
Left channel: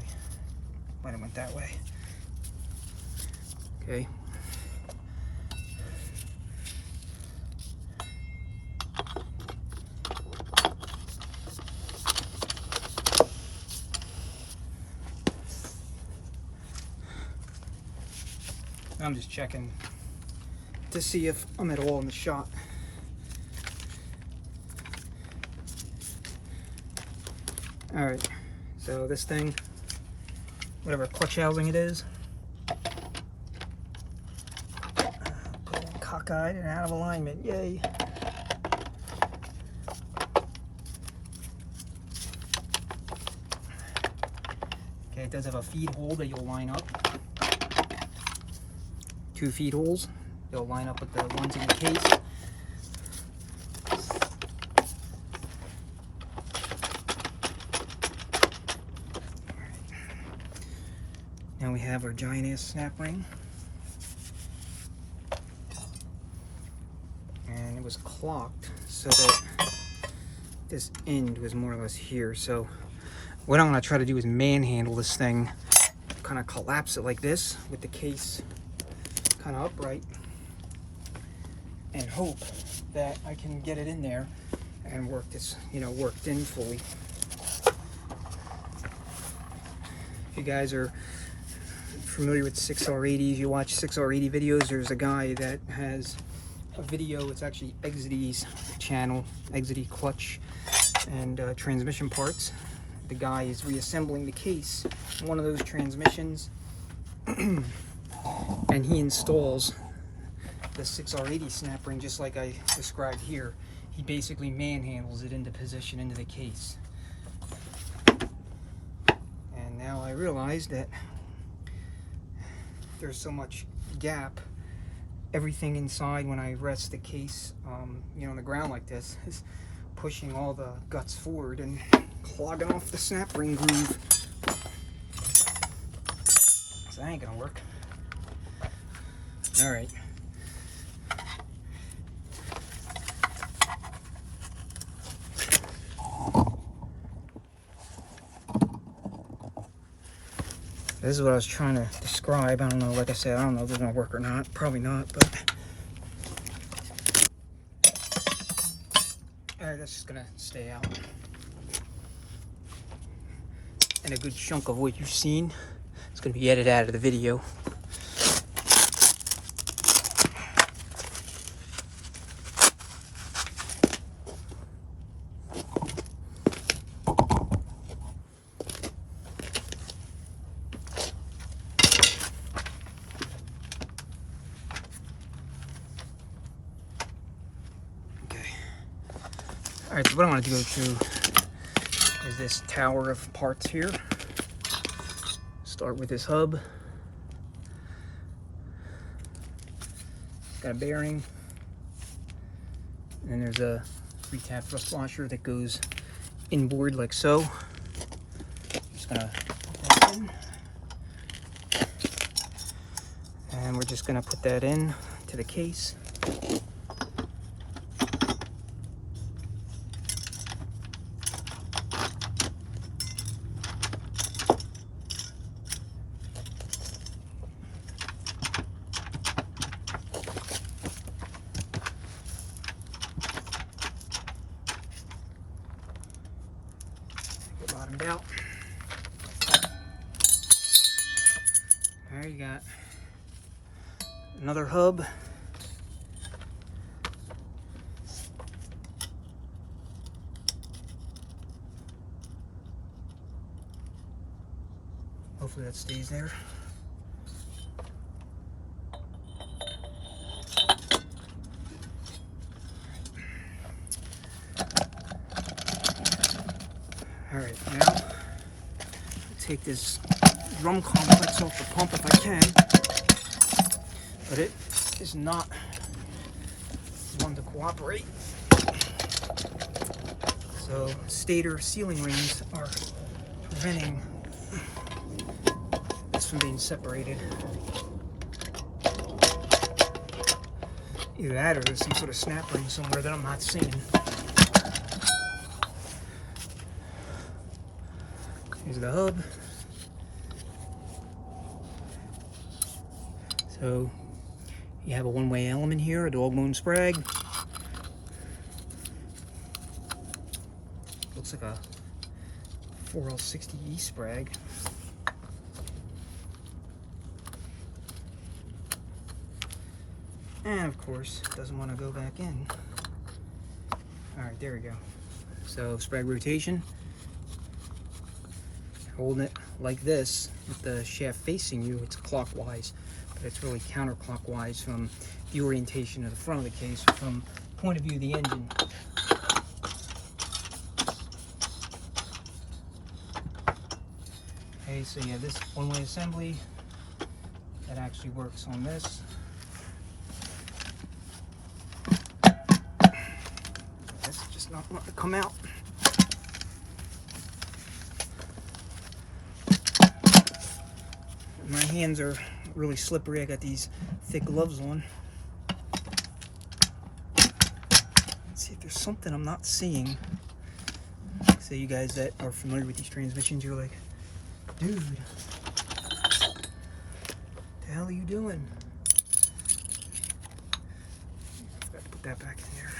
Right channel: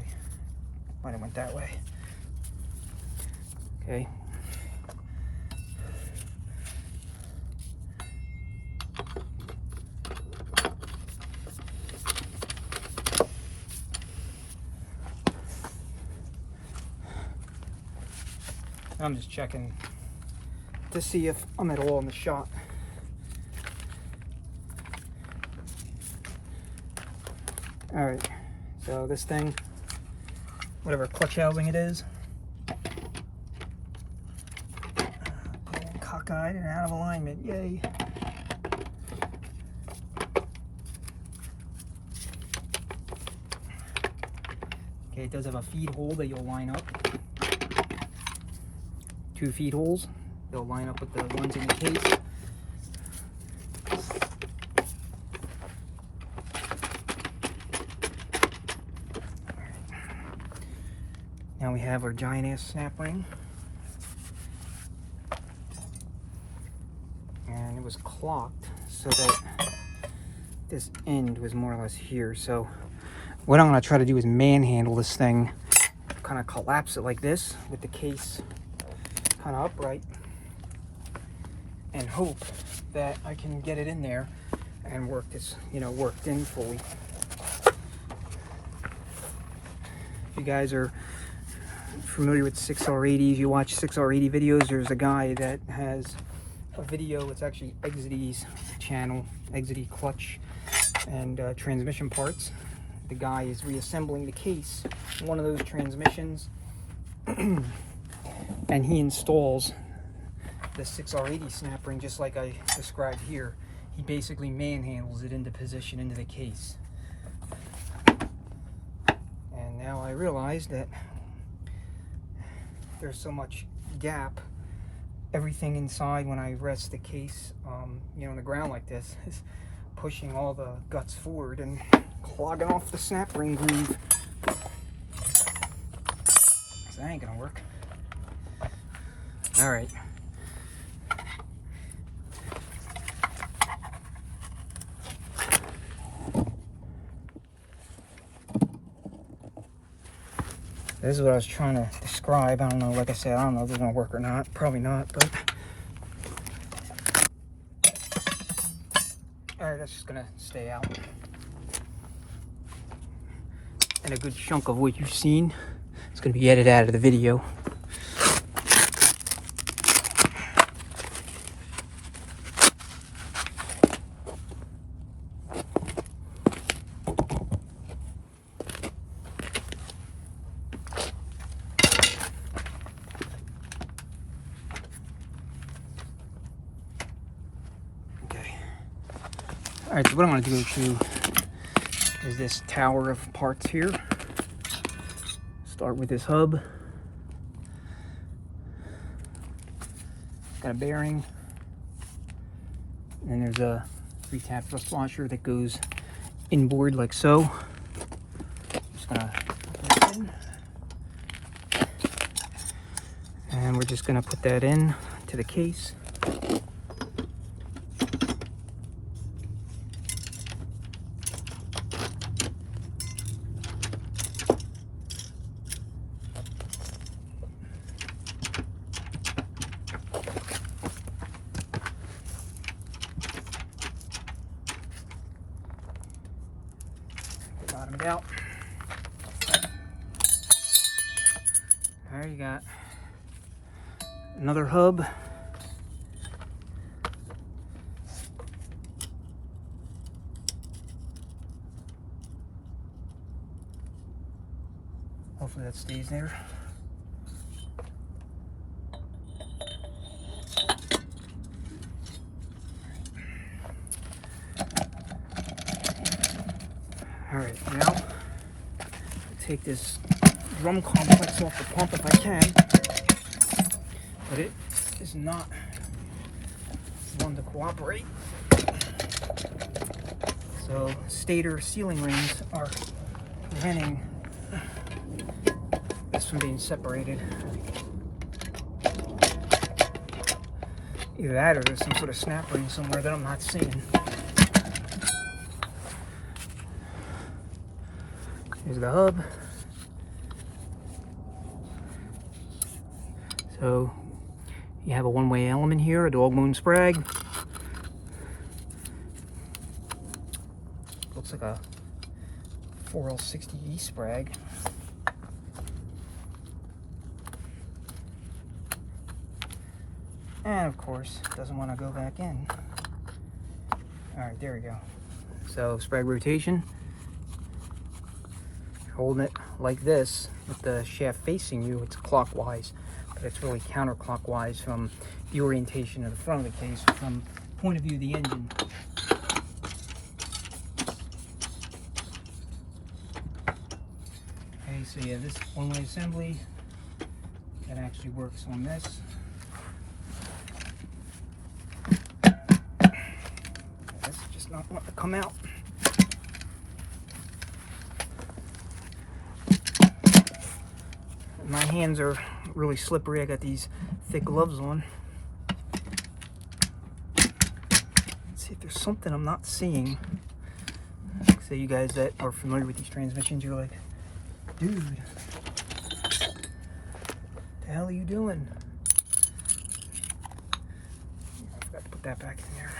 Might have went that way. Okay. I'm just checking to see if I'm at all in the shot. All right, so this thing, whatever clutch housing it is, put it in cockeyed and out of alignment, yay. Okay, it does have a feed hole that you'll line up. 2 feed holes. They'll line up with the ones in the case. Now we have our giant ass snap ring. And it was clocked so that this end was more or less here. So what I'm gonna try to do is manhandle this thing, kind of collapse it like this with the case kind of upright, and hope that I can get it in there and work this, you know, worked in fully. If you guys are familiar with 6R80s, you watch 6R80 videos, there's a guy that has a video, it's actually Exidy's channel, Exidy clutch and transmission parts. The guy is reassembling the case, one of those transmissions, and he installs the 6R80 snap ring just like I described here. He basically manhandles it into position into the case. And now I realize that there's so much gap. Everything inside when I rest the case, you know, on the ground like this is pushing all the guts forward and clogging off the snap ring groove. So that ain't gonna work. All right. This is what I was trying to describe. I don't know, like I said, I don't know if it's gonna work or not. Probably not, but. All right, that's just gonna stay out. And a good chunk of what you've seen is gonna be edited out of the video. All right, so what I'm going to go to is this tower of parts here. Start with this hub. It's got a bearing. And then there's a 3-tab thrust washer that goes inboard like so. Just going to put that in. And we're just going to put that in to the case. Bottomed out. There you got another hub. Hopefully that stays there. All right, now I'll take this drum complex off the pump if I can, but it is not 100% them to cooperate. So stator sealing rings are preventing this from being separated. Either that or there's some sort of snap ring somewhere that I'm not seeing. Here's the hub. So you have a one-way element here, a dog bone sprag. Looks like a 4L60E sprag. And of course, it doesn't want to go back in. All right, there we go. So sprag rotation. Holding it like this with the shaft facing you, it's clockwise, but it's really counterclockwise from the orientation of the front of the case, from point of view of the engine. Okay, so you have this one-way assembly that actually works on this. That's just not wanting to come out. My hands are really slippery. I got these thick gloves on. Let's see if there's something I'm not seeing. So you guys that are familiar with these transmissions, you're like, dude, what the hell are you doing? I forgot to put that back in there.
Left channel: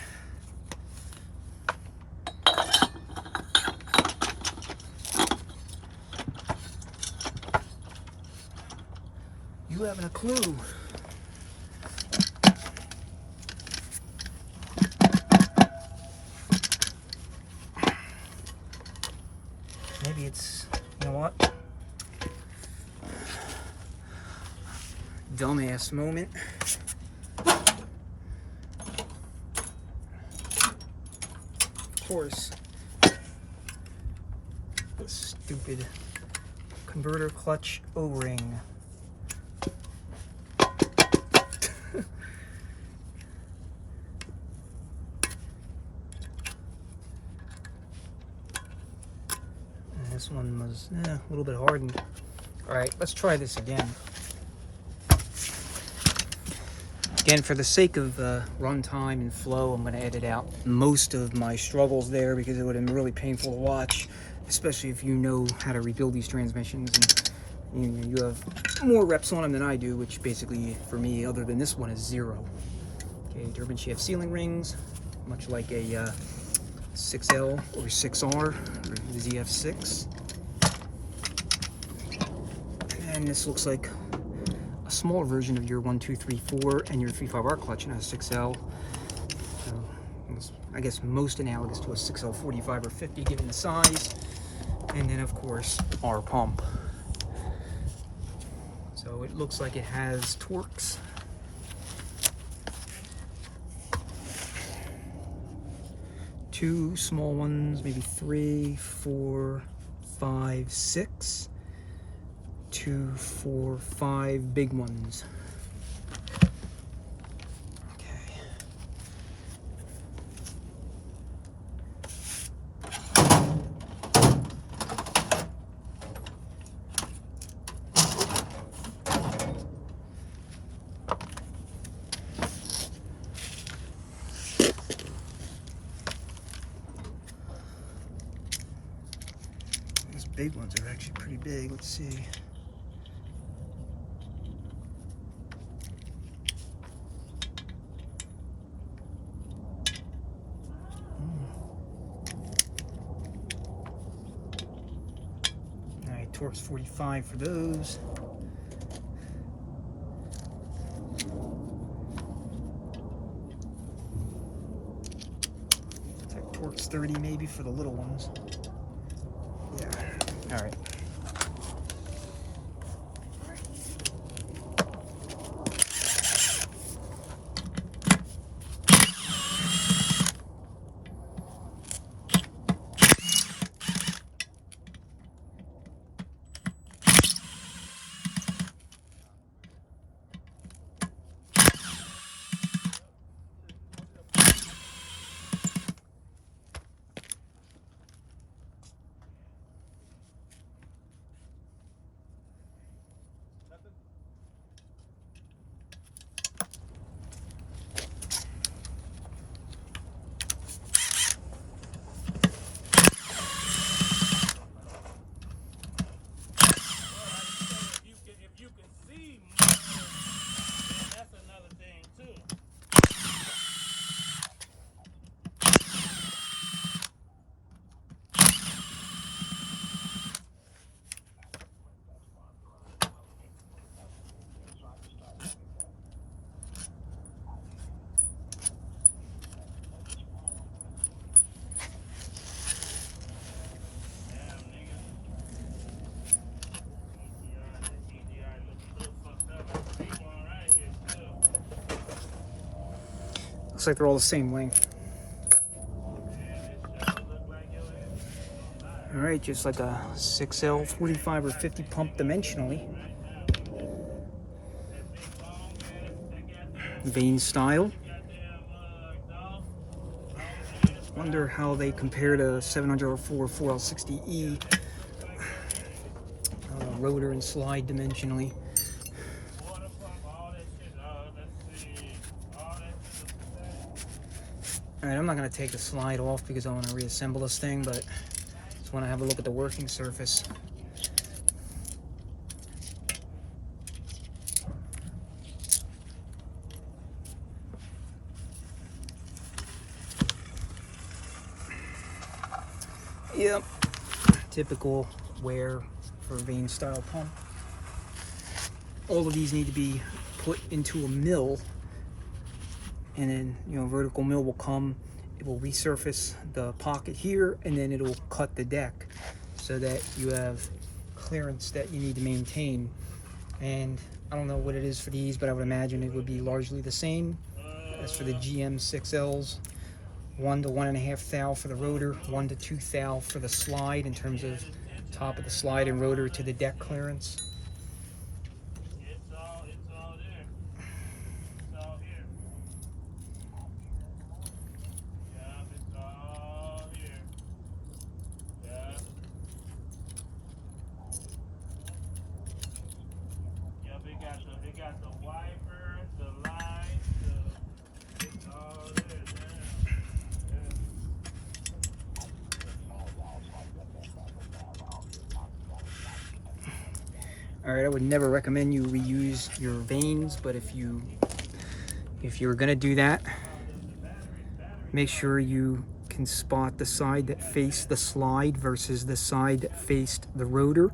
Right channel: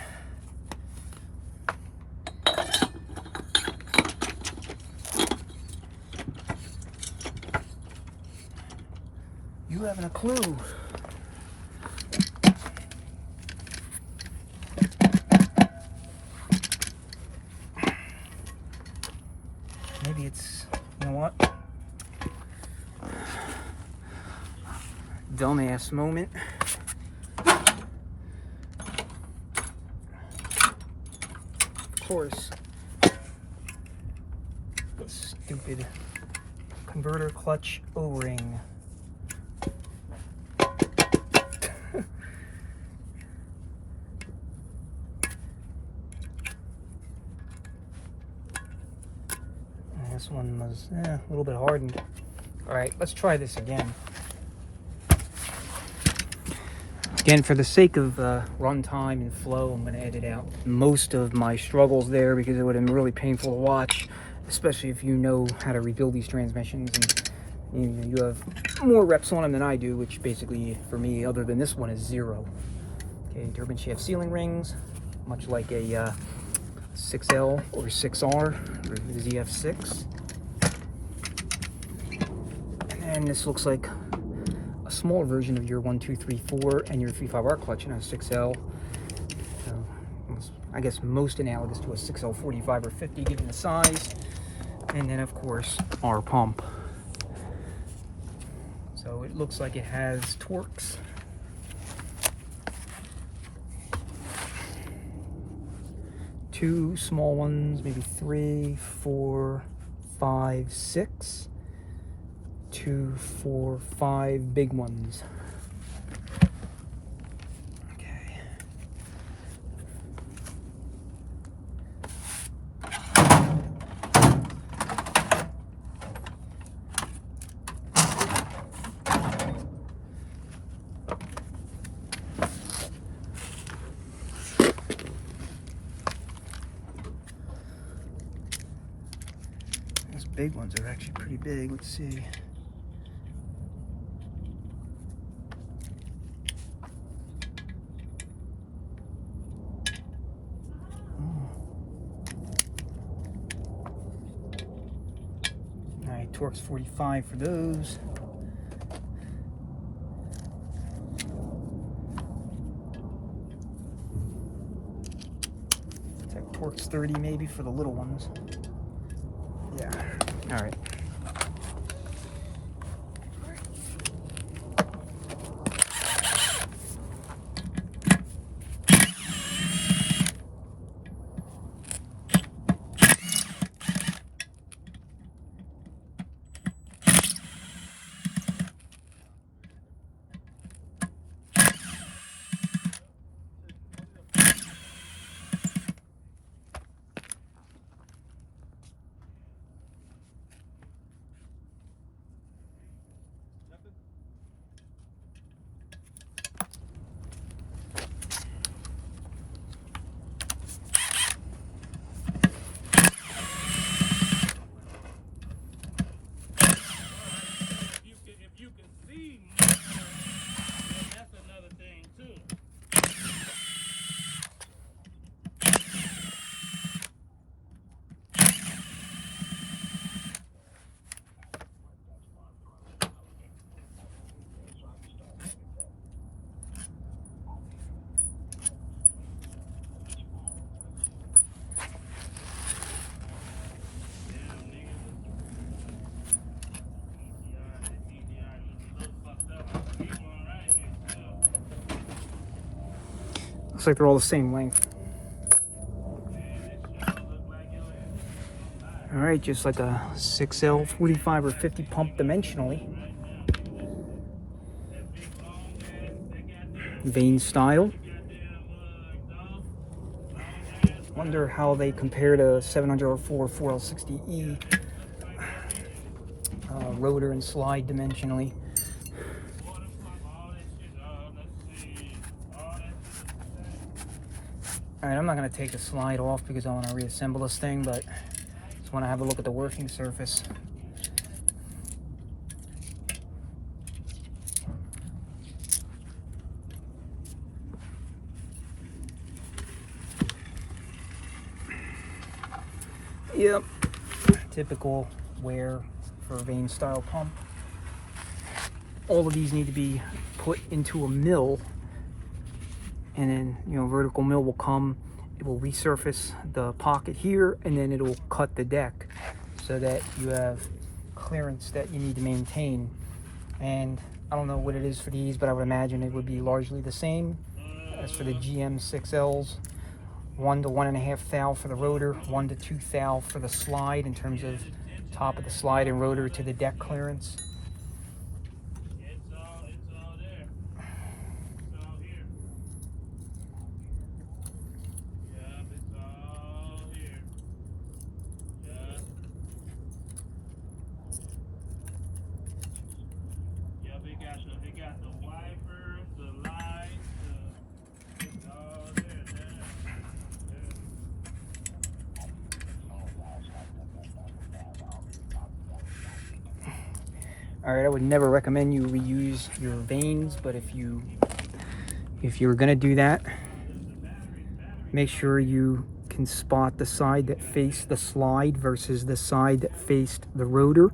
You haven't a clue. Maybe it's, you know what? Dumbass moment. Of course, this stupid converter clutch O-ring. This one was a little bit hardened. All right, let's try this again. Again, for the sake of runtime and flow, I'm going to edit out most of my struggles there because it would have been really painful to watch, especially if you know how to rebuild these transmissions and you have more reps on them than I do, which basically for me, other than this one, is 0. Okay, turbine shaft sealing rings, much like a 6L or 6R or ZF6. And this looks like a smaller version of your 1, 2, 3, 4 and your 3/5R clutch in a 6L. So I guess most analogous to a 6L 45 or 50 given the size. And then of course our pump. So it looks like it has torques. Two small ones, maybe 3, 4, 5, 6. 2, 4, 5 big ones. Okay. These big ones are actually pretty big. Let's see. Torque's 45 for those. Torque's 30 maybe for the little ones. Yeah, all right. Looks like they're all the same length. All right, just like a 6L 45 or 50 pump dimensionally. Vane style. Wonder how they compare to 704 4L60E rotor and slide dimensionally. Alright, I'm not going to take the slide off because I want to reassemble this thing, but just want to have a look at the working surface. Yep, typical wear for a vane style pump. All of these need to be put into a mill, and then, you know, vertical mill will come, it will resurface the pocket here, and then it'll cut the deck so that you have clearance that you need to maintain. And I don't know what it is for these, but I would imagine it would be largely the same as for the GM 6Ls. 1 to 1.5 thou for the rotor, 1 to 2 thou for the slide in terms of top of the slide and rotor to the deck clearance. They got the wipers, the lights, it's all there. All right, I would never recommend you reuse your vanes, but if you're gonna do that, make sure you can spot the side that faced the slide versus the side that faced the rotor.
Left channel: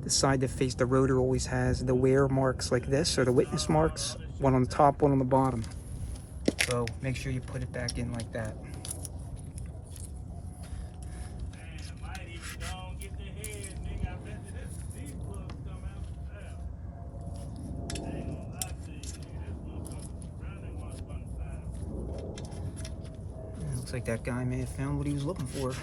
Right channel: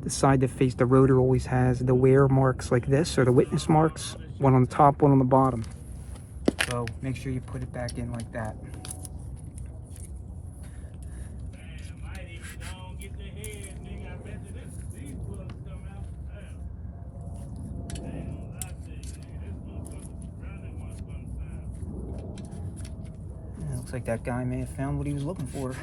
The side that faced the rotor always has the wear marks like this, or the witness marks, one on the top, one on the bottom. So make sure you put it back in like that. Looks like that guy may have found what he was looking for.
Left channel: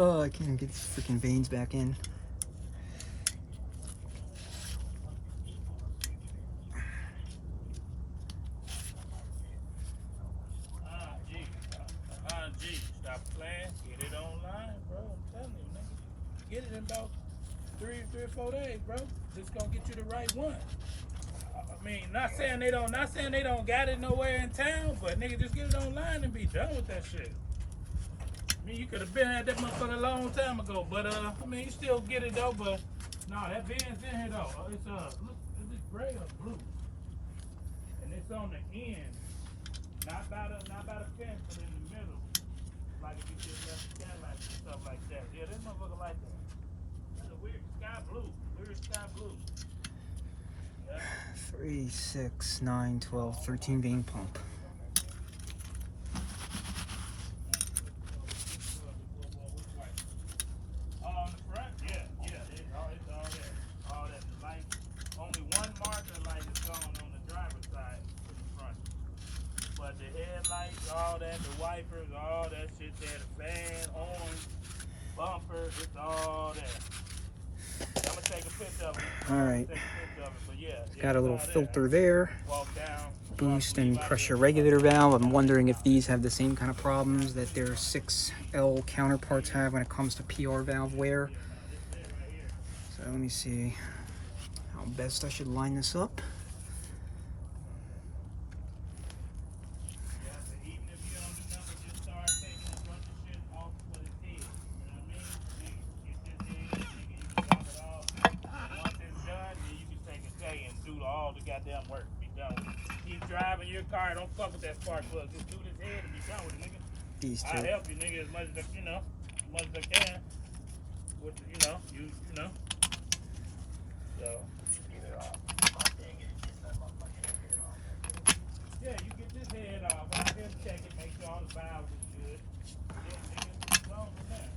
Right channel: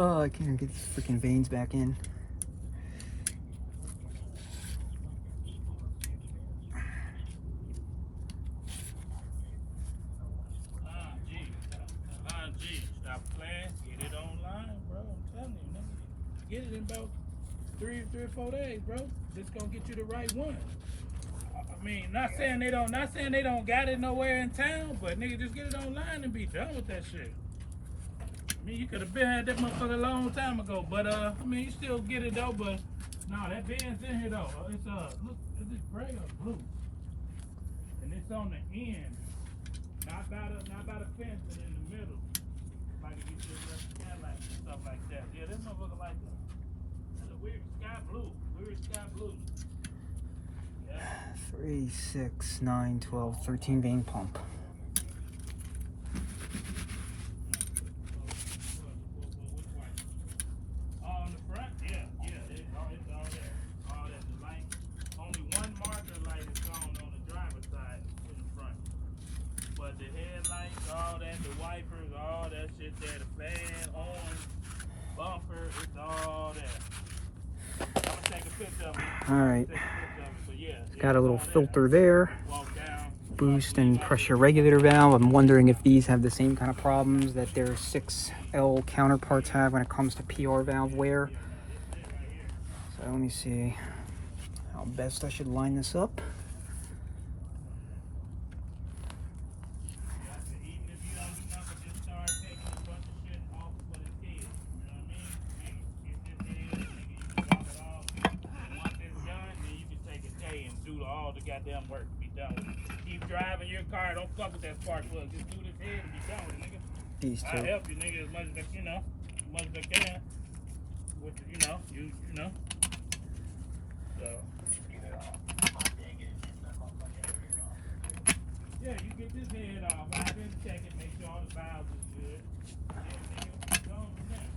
Oh, I can't get these freaking vanes back in. Stop playing. Get it online, bro. I'm telling you, nigga. Get it in about three or 4 days, bro. Just gonna get you the right one. I mean, not saying they don't got it nowhere in town, but nigga, just get it online and be done with that shit. I mean, you could have been had that motherfucker a long time ago, but I mean, you still get it though. But nah, that Ben's in here though. It's look, is this gray or blue? And it's on the end, not by the fence, but in the middle. Like if you just left the skylights and stuff like that. Yeah, this motherfucker like that. That's a weird sky blue. Yeah. 3, 6, 9, 12, 13 vane pump. On the front, yeah, it's all there. All that, the light. Only one marker light is gone on the driver's side in the front. But the headlights, all that, the wipers, all that shit there, the fan, horn, bumper, it's all there. I'm gonna take a picture of it. All right. But yeah, Got a little filter there. Walk down. Boost and pressure regulator valve. I'm wondering if these have the same kind of problems that their 6L counterparts have when it comes to PR valve wear. So let me see how best I should line this up. All the goddamn work. Be your car, don't fuck with that spark plug. Just do this head and be done with it, nigga. These I'll two. help you, nigga, as much as I, as much as I can. With, you know. So. Yeah, you get this head off. I can check it, make sure all the valves is good. Yeah, nigga, go on from there.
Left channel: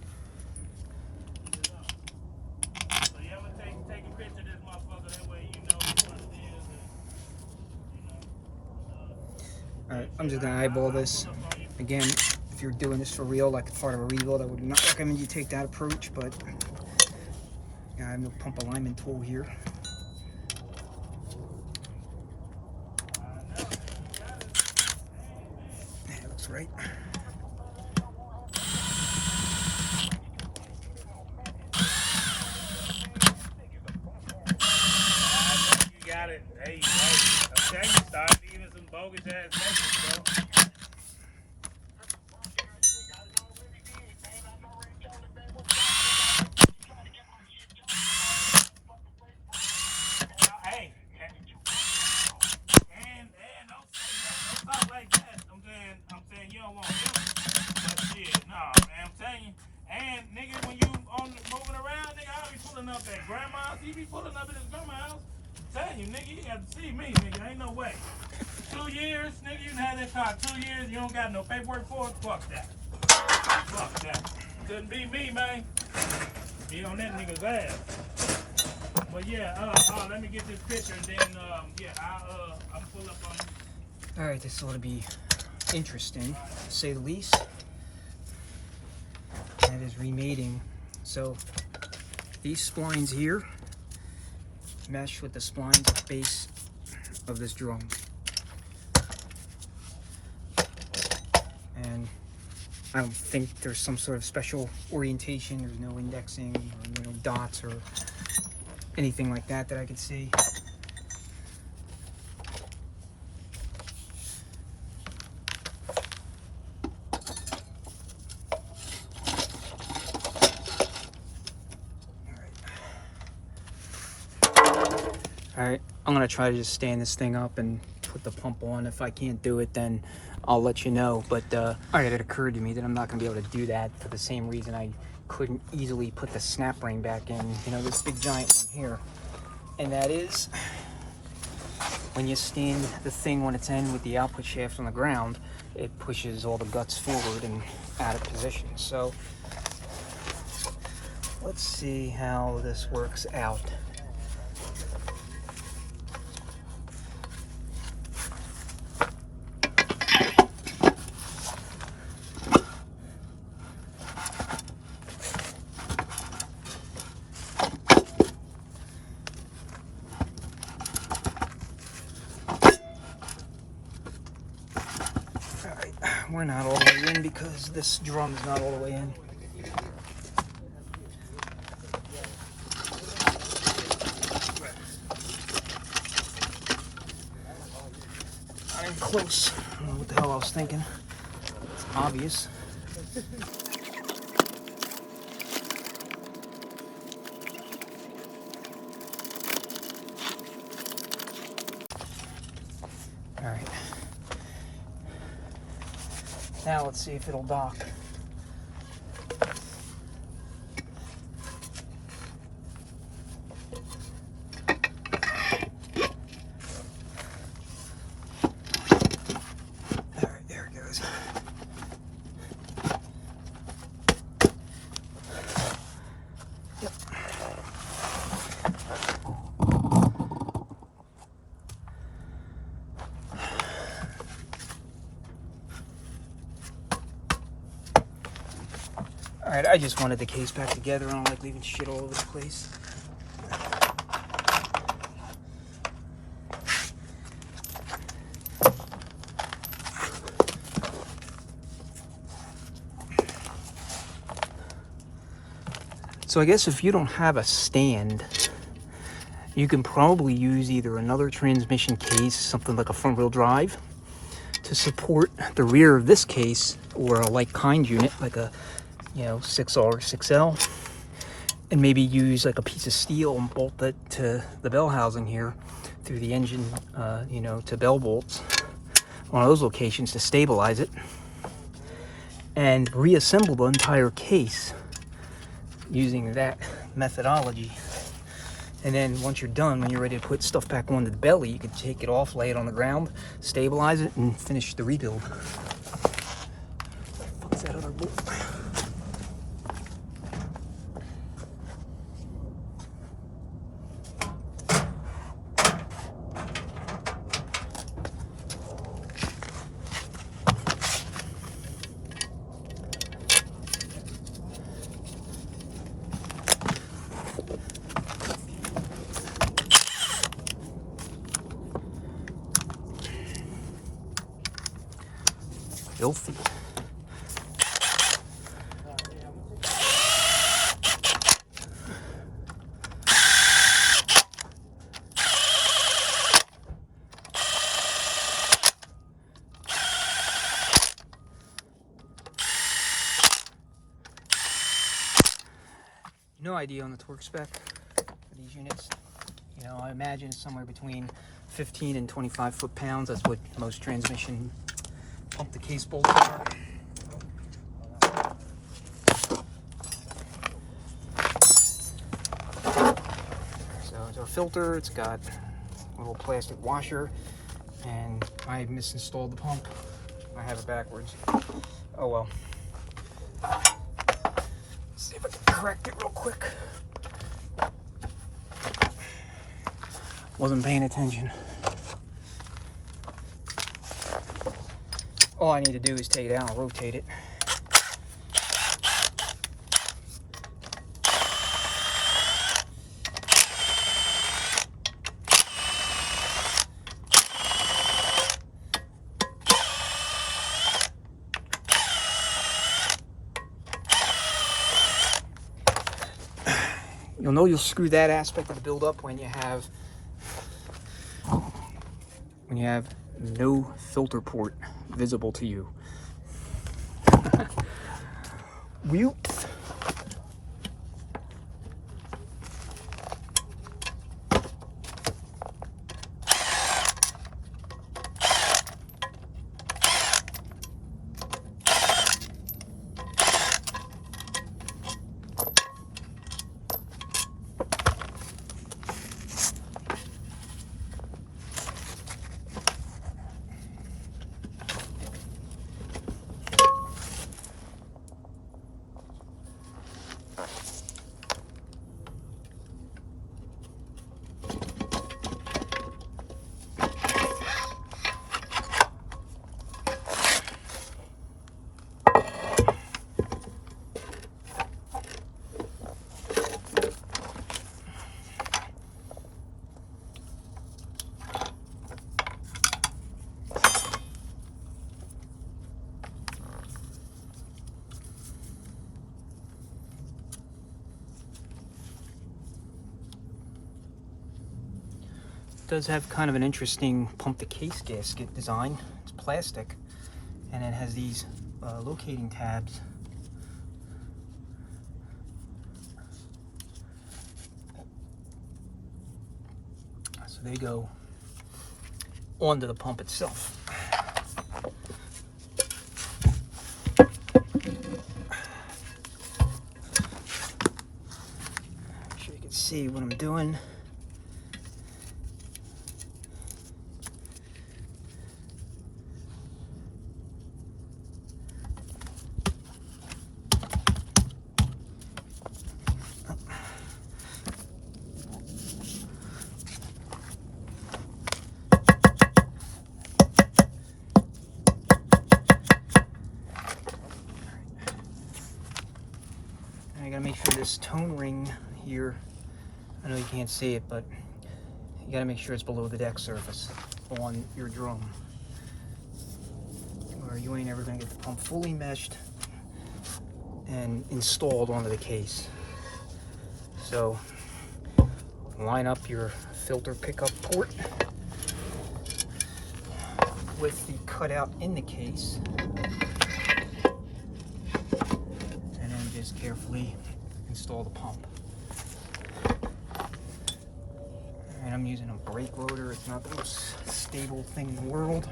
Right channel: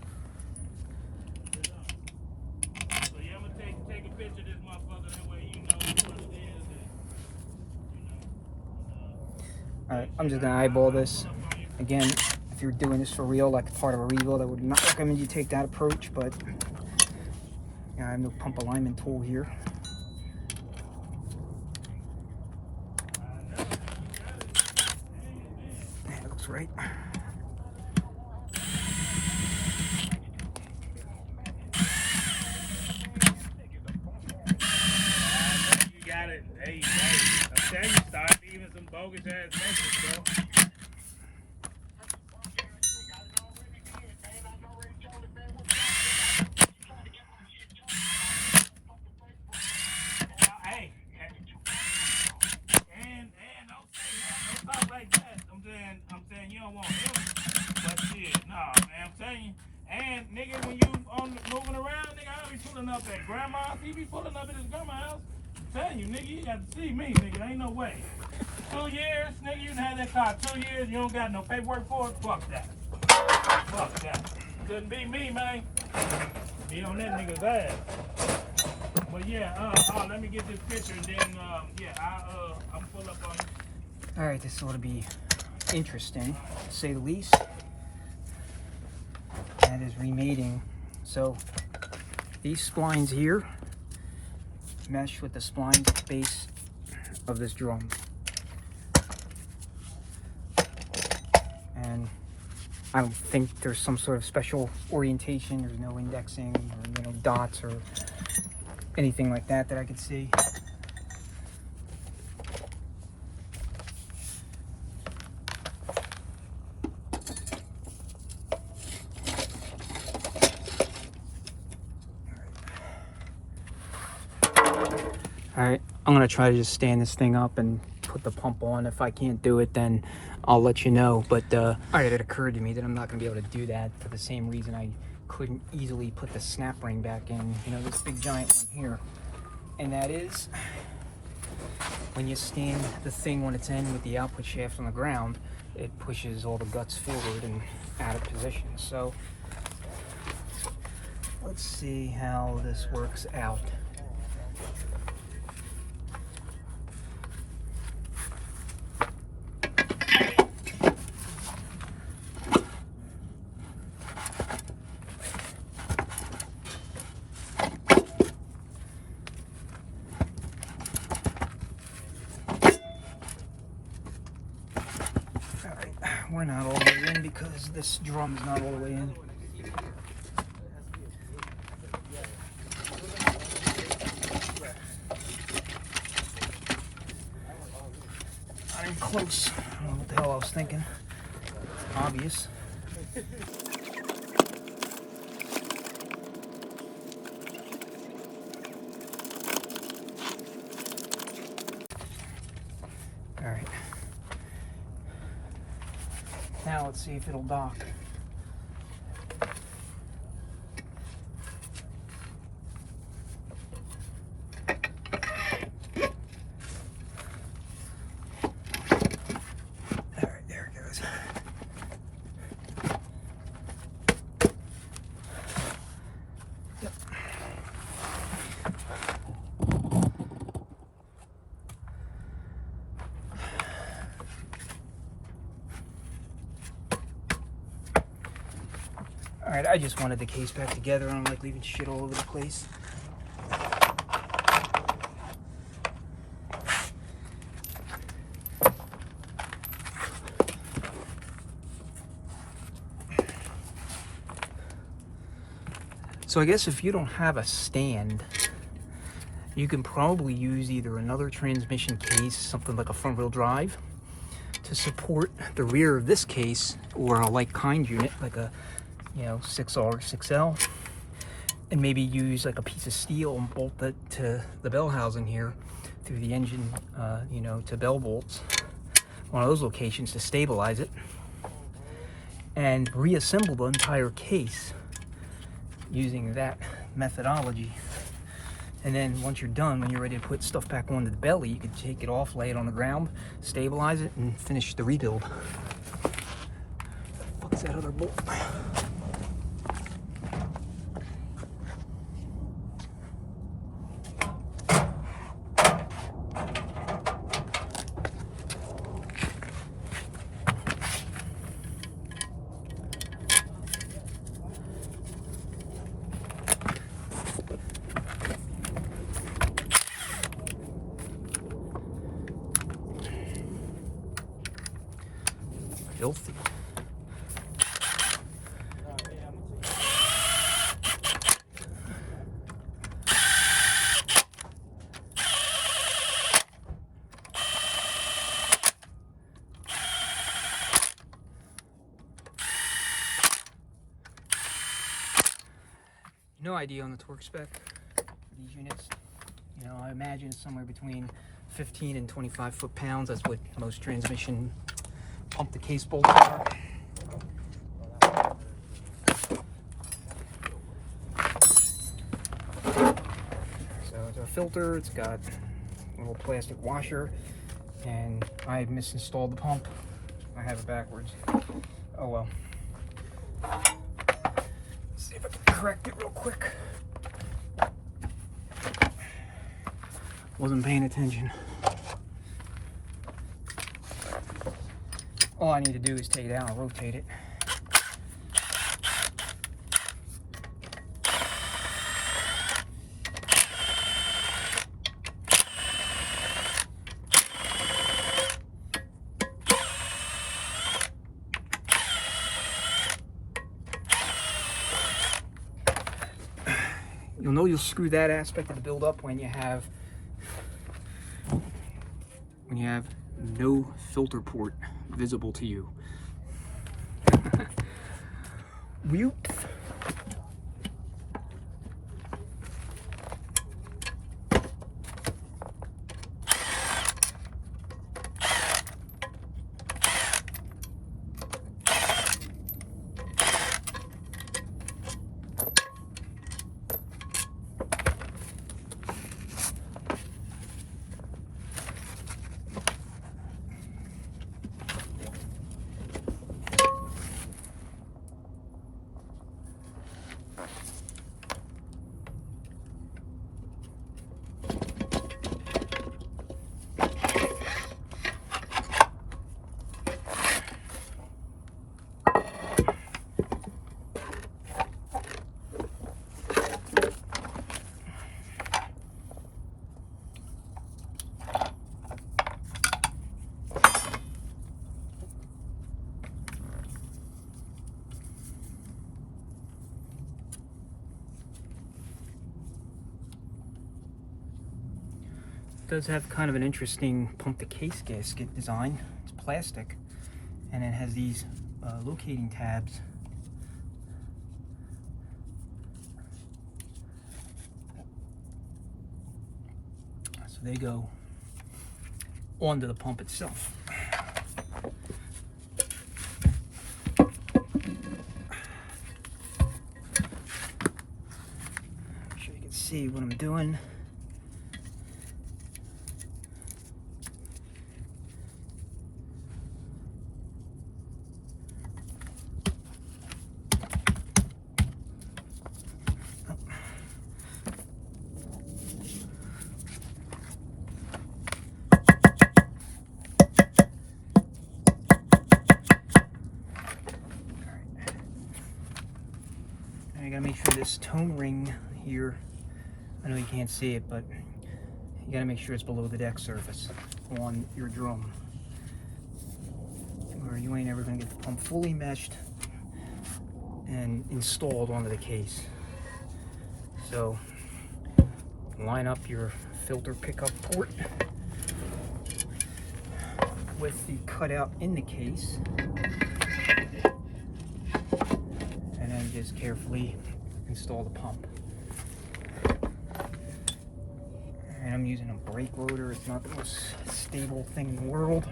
So yeah, I'm gonna take a picture of this motherfucker. That way you know which one it is. And, Alright, I'm just gonna eyeball this. Again, if you're doing this for real, like part of a rebuild, I would not recommend you take that approach, but I have no pump alignment tool here. That looks right. you got it. Hey, I'm telling you, start leaving some bogus ass messages, bro. Hey, and don't talk like that. I'm saying you don't want him, but shit, nah, man, I'm telling you. And nigga, when you moving around, nigga, I don't be pulling up at grandma's. He be pulling up at his grandma's house. I'm telling you, nigga, you got to see me, nigga. Ain't no way. 2 years, nigga, you done had that car 2 years. You don't got no paperwork for it. Fuck that. Fuck that. Couldn't be me, man. Be on that nigga's ass. But yeah, let me get this picture and then I'm pull up on you. Alright, this ought to be interesting, to say the least. That is remating. So these splines here mesh with the splines at the base of this drum. And I don't think there's some sort of special orientation. There's no indexing or dots or anything like that I could see. Alright, I'm gonna try to just stand this thing up and put the pump on. If I can't do it, then I'll let you know. But alright, it occurred to me that I'm not gonna be able to do that for the same reason I couldn't easily put the snap ring back in, this big giant one here. And that is, when you stand the thing when it's in with the output shaft on the ground, it pushes all the guts forward and out of position. So let's see how this works out. We're not all the way in because this drum's not all the way in. Not even close. I don't know what the hell I was thinking. It's obvious. All right. Now let's see if it'll dock. Alright, there it goes. Yep. Alright, I just wanted the case back together. I don't like leaving shit all over the place. So I guess if you don't have a stand, you can probably use either another transmission case, something like a front wheel drive, to support the rear of this case, or a like kind unit, like a 6R or 6L, and maybe use like a piece of steel and bolt it to the bell housing here through the engine, to bell bolts. one of those locations to stabilize it, and reassemble the entire case using that methodology. And then once you're done, when you're ready to put stuff back onto the belly, you can take it off, lay it on the ground, stabilize it, and finish the rebuild. What the fuck's that other bolt? Filthy. No idea on the torque spec for these units. You know, I imagine it's somewhere between 15 and 25 foot-pounds. That's what most transmission pump the case bolts are. So it's our filter. It's got a little plastic washer, and I misinstalled the pump. I have it backwards. Oh well. Let's see if I can correct it real quick. Wasn't paying attention. All I need to do is take it out and rotate it. You'll know you'll screw that aspect of the build up when you have no filter port visible to you. Whoops. Does have kind of an interesting pump the case gasket design. It's plastic, and it has these locating tabs. So they go onto the pump itself. Make sure you can see what I'm doing. I gotta make sure this tone ring here, I know you can't see it, but you gotta make sure it's below the deck surface on your drum, or you ain't ever gonna get the pump fully meshed and installed onto the case. So line up your filter pickup port with the cutout in the case, and then just carefully install the pump. And I'm using a brake loader. It's not the most stable thing in the world.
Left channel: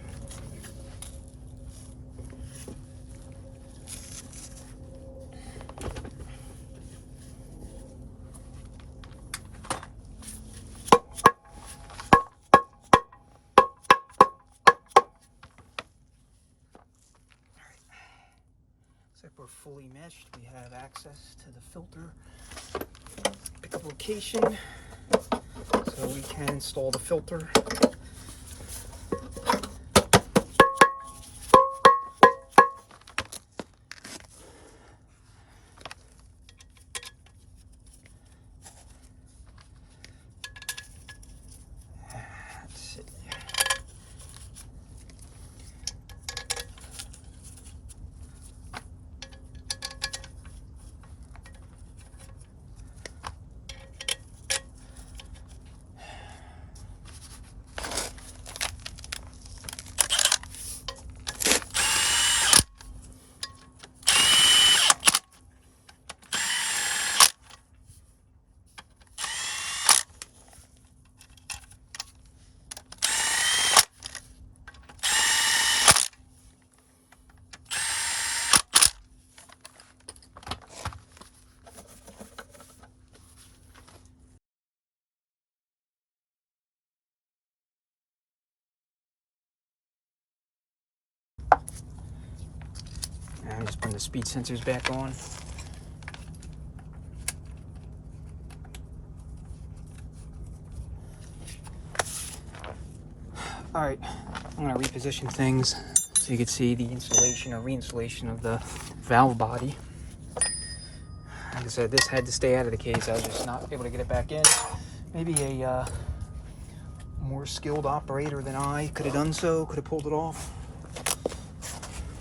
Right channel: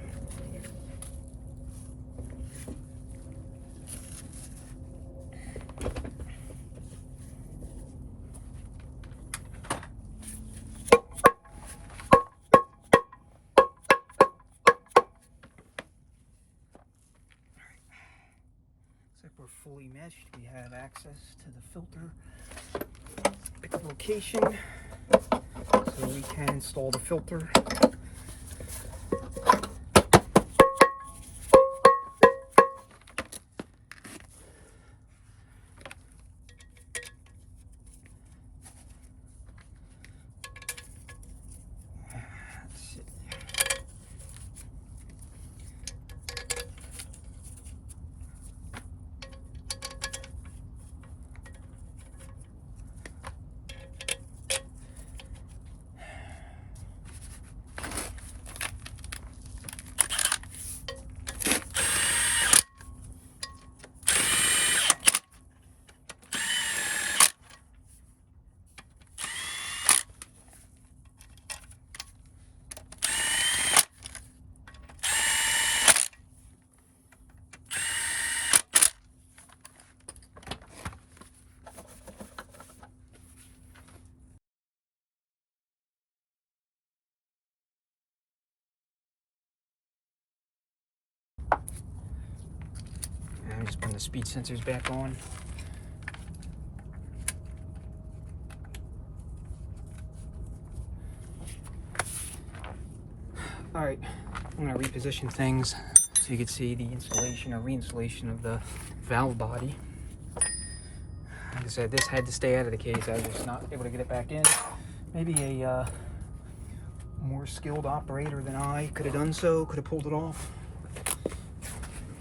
we're fully meshed. We have access to the filter pickup location, so we can install the filter. And just bring the speed sensors back on. All right, I'm gonna reposition things so you can see the installation or reinstallation of the valve body. Like I said, this had to stay out of the case. I was just not able to get it back in. Maybe a more skilled operator than I could have done so, could have pulled it off.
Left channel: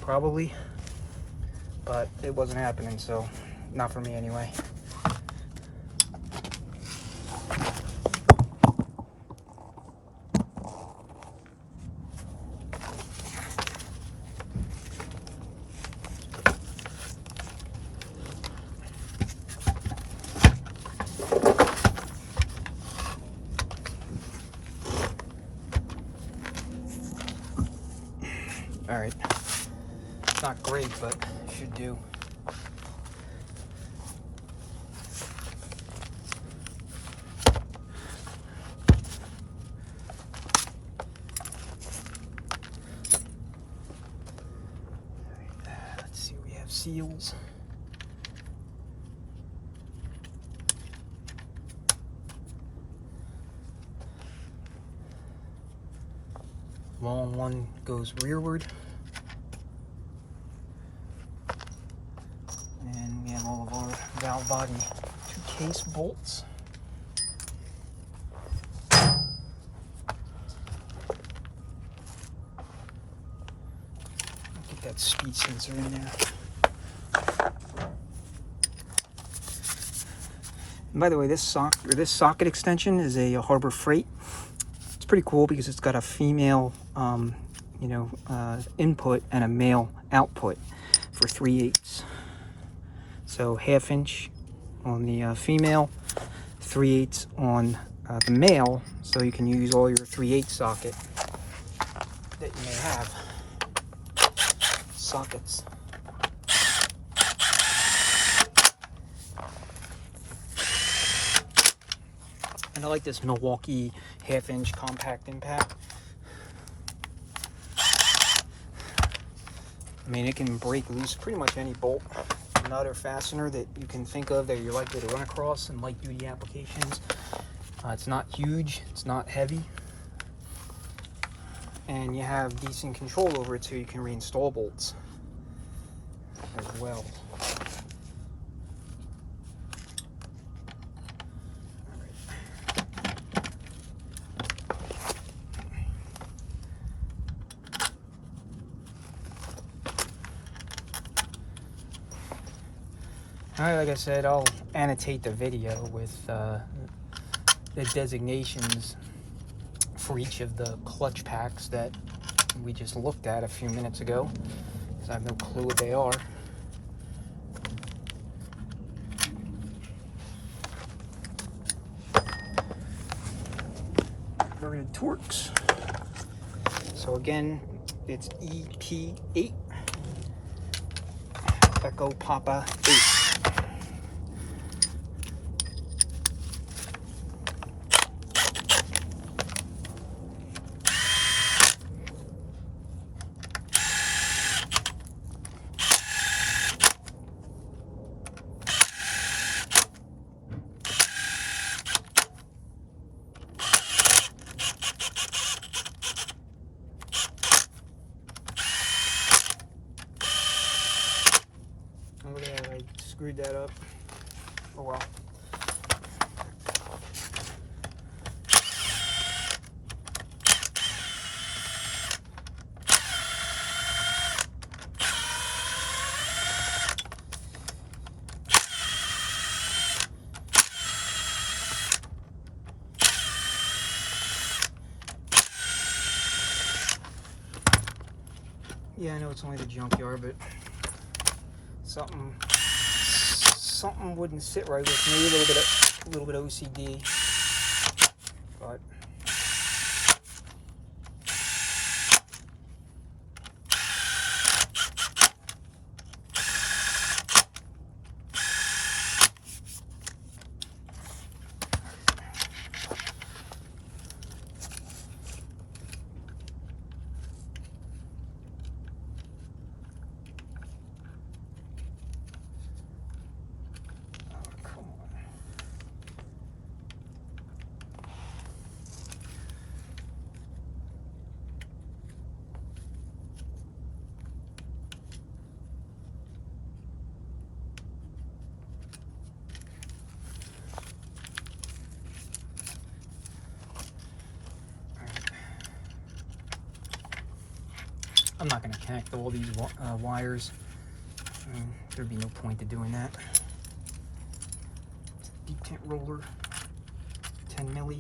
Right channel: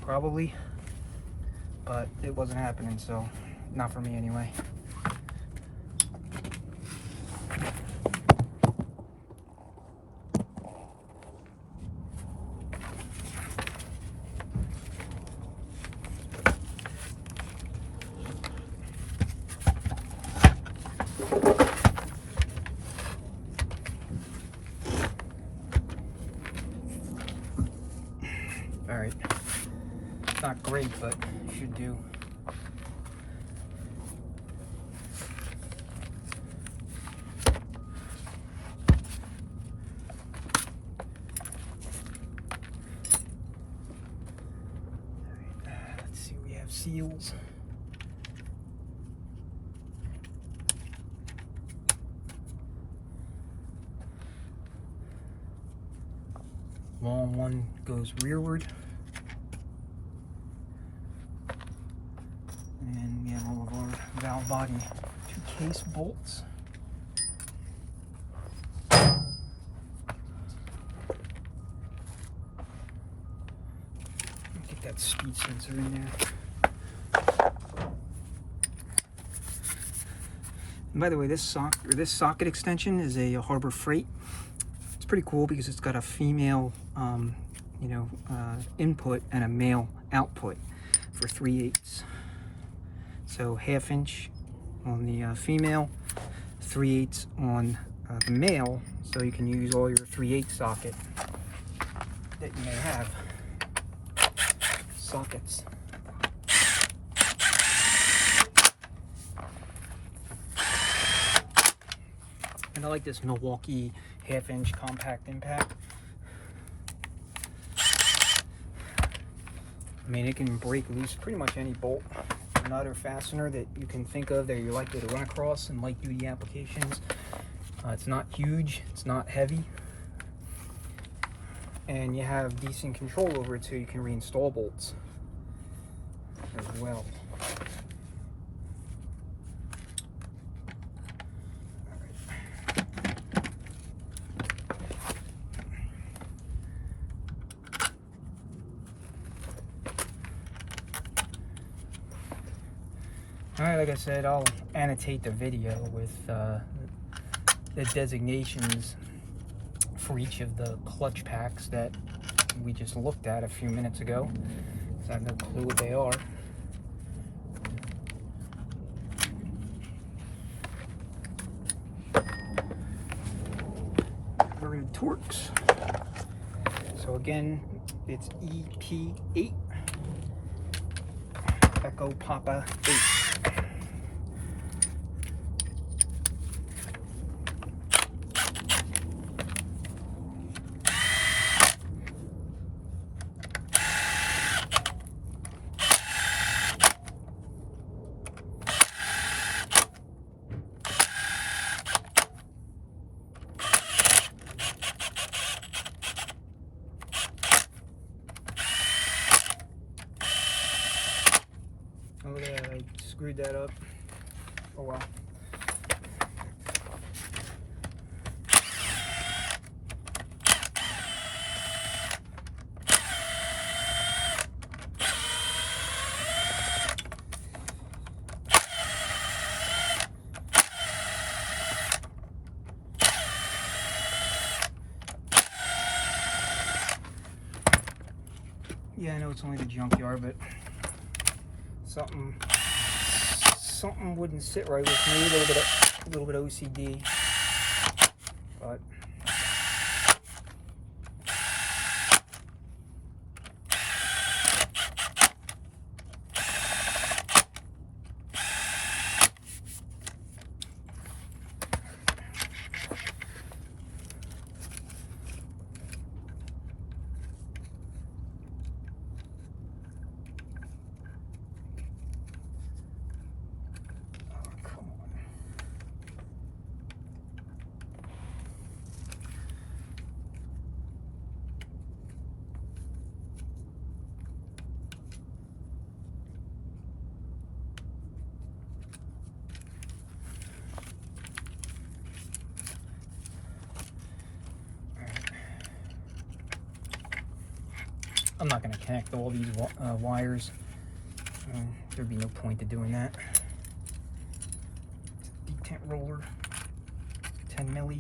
Probably. But it wasn't happening, so not for me anyway. All right, not great, but should do. Let's see, we have seals. Long one goes rearward. And we have all of our valve body 2 case bolts. Get that speed sensor in there. And by the way, this socket extension is a Harbor Freight. It's pretty cool because it's got a female input and a male output for 3/8. So 1/2 inch on the female, 3/8 on the male, so you can use all your 3/8 socket that you may have. Sockets. And I like this Milwaukee 1/2 inch compact impact. I mean, it can break loose pretty much any bolt, nut, or fastener that you can think of that you're likely to run across in light duty applications. It's not huge, it's not heavy, and you have decent control over it, so you can reinstall bolts as well. Like I said, I'll annotate the video with the designations for each of the clutch packs that we just looked at a few minutes ago, because I have no clue what they are. Inverted Torx. So again, it's EP8 Echo Papa 8. Oh, look at that, I screwed that up. Oh well. Yeah, I know it's only the Junkyard, but something wouldn't sit right with me. A little bit of OCD, but I'm not going to connect all these wires. There'd be no point to doing that. Deep tent roller, 10 milli.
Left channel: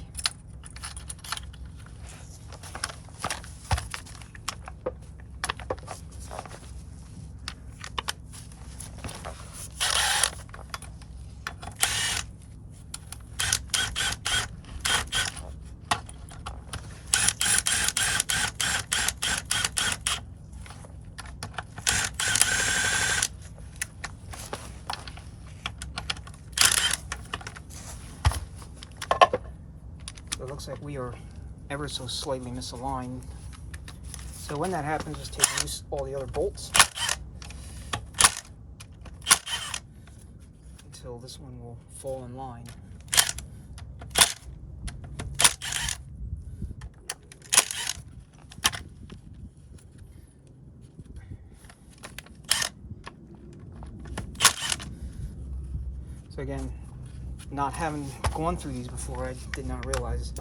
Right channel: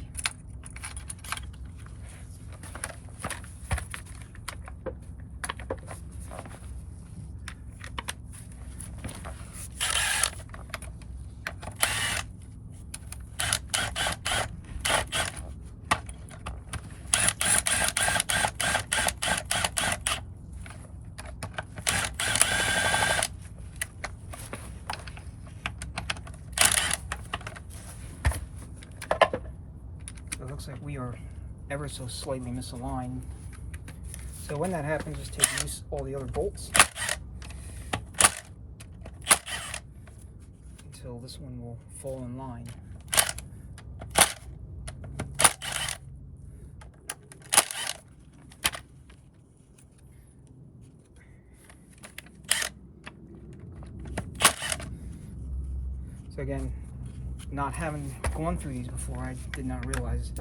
It looks like we are ever so slightly misaligned. So when that happens, just take loose all the other bolts until this one will fall in line. So again, not having gone through these before, I did not realize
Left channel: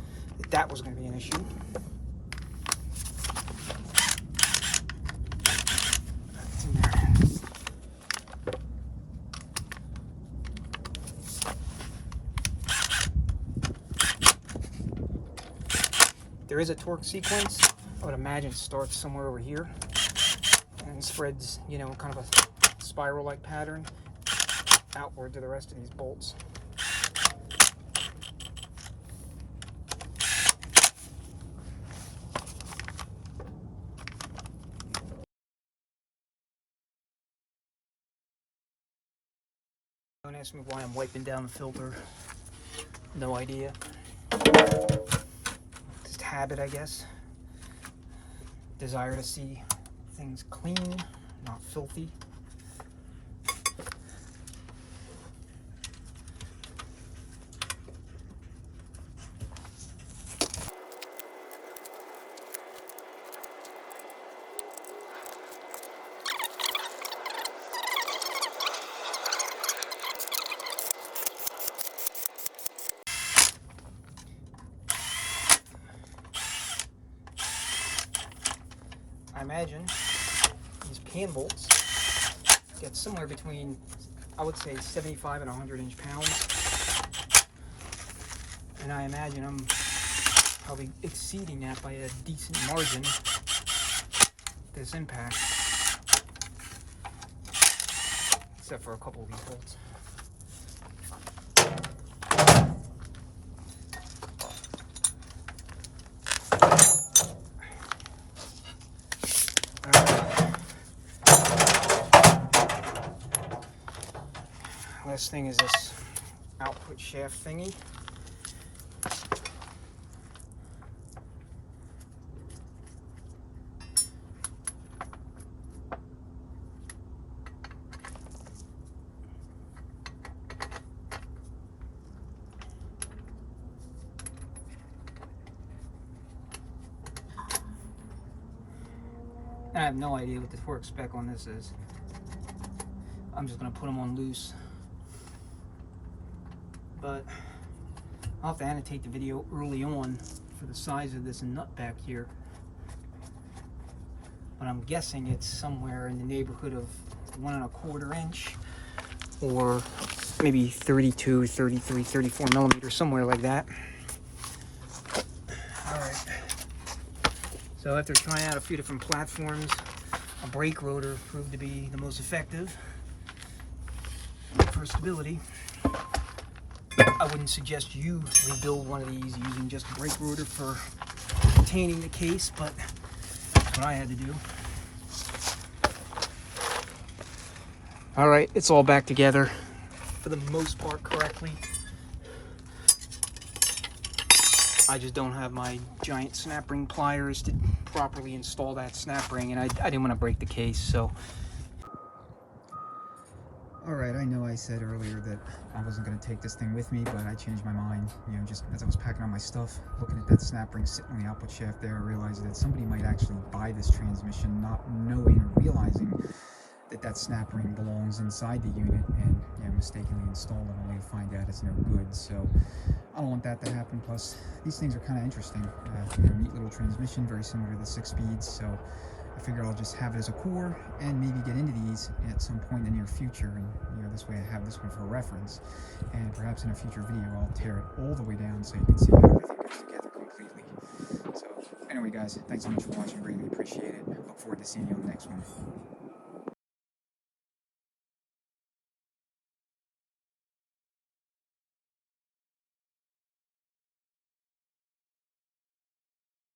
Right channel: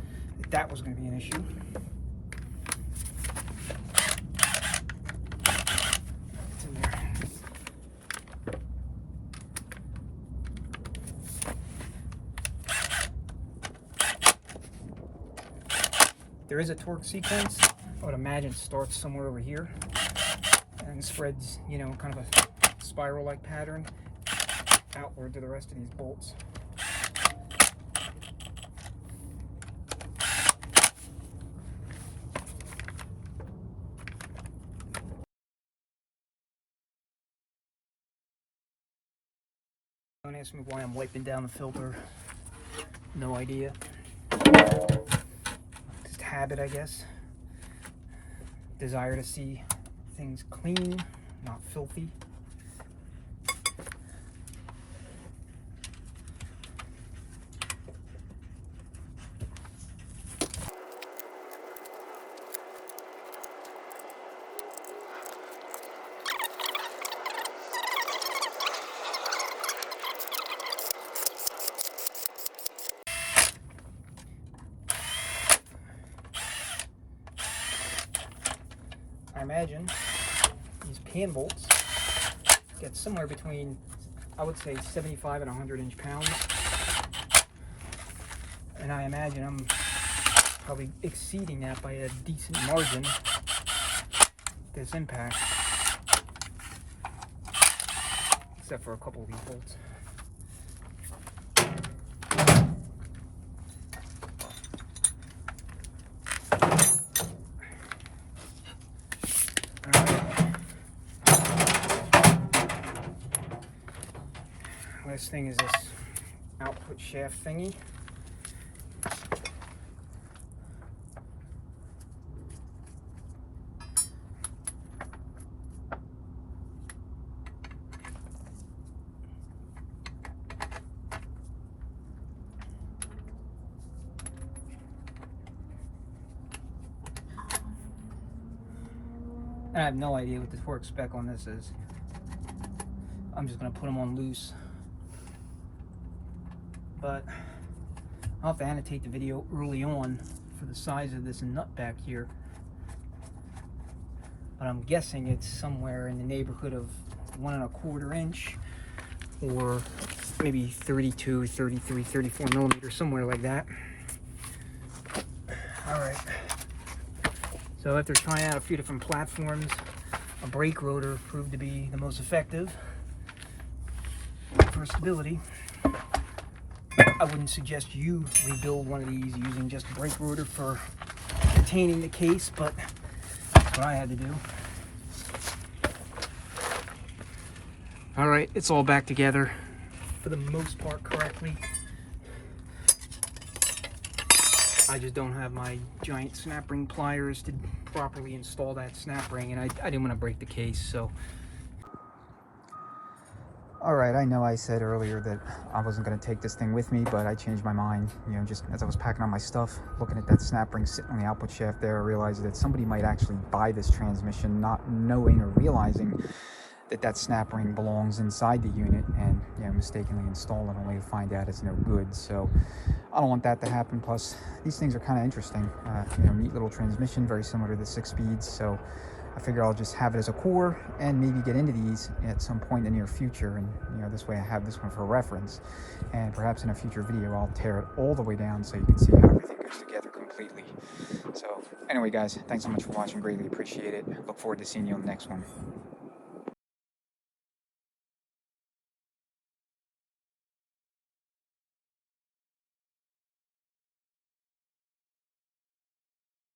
that was going to be an issue. It's in there. There is a torque sequence. I would imagine it starts somewhere over here and spreads, you know, kind of a spiral-like pattern outward to the rest of these bolts. Don't ask me why I'm wiping down the filter. No idea. Just habit, I guess. Desire to see things clean, not filthy. I imagine these pan bolts get somewhere between, I would say, 75 and 100 inch-pounds. And I imagine I'm probably exceeding that by a decent margin, this impact. Except for a couple of these bolts. Last thing is this output shaft thingy. I have no idea what the torque spec on this is. I'm just gonna put them on loose. But I'll have to annotate the video early on for the size of this nut back here. But I'm guessing it's somewhere in the neighborhood of 1 1/4 inch, or maybe 32, 33, 34 millimeters, somewhere like that. All right. So after trying out a few different platforms, a brake rotor proved to be the most effective for stability. I wouldn't suggest you rebuild one of these using just a brake rotor for retaining the case, but that's what I had to do. All right, it's all back together for the most part correctly. I just don't have my giant snap ring pliers to properly install that snap ring, and I didn't want to break the case, so. All right, I know I said earlier that I wasn't going to take this thing with me, but I changed my mind. You know, just as I was packing on my stuff, looking at that snap ring sitting on the output shaft there, I realized that somebody might actually buy this transmission not knowing or realizing that that snap ring belongs inside the unit, and you know, mistakenly install it only to find out it's no good. So I don't want that to happen. Plus, these things are kind of interesting. You know, neat little transmission, very similar to the 6-speeds. So I figure I'll just have it as a core and maybe get into these at some point in the near future. And you know, this way I have this one for reference. And perhaps in a future video, I'll tear it all the way down so you can see how everything goes together completely. So anyway, guys, thanks so much for watching. Greatly appreciate it. Look forward to seeing you on the next one.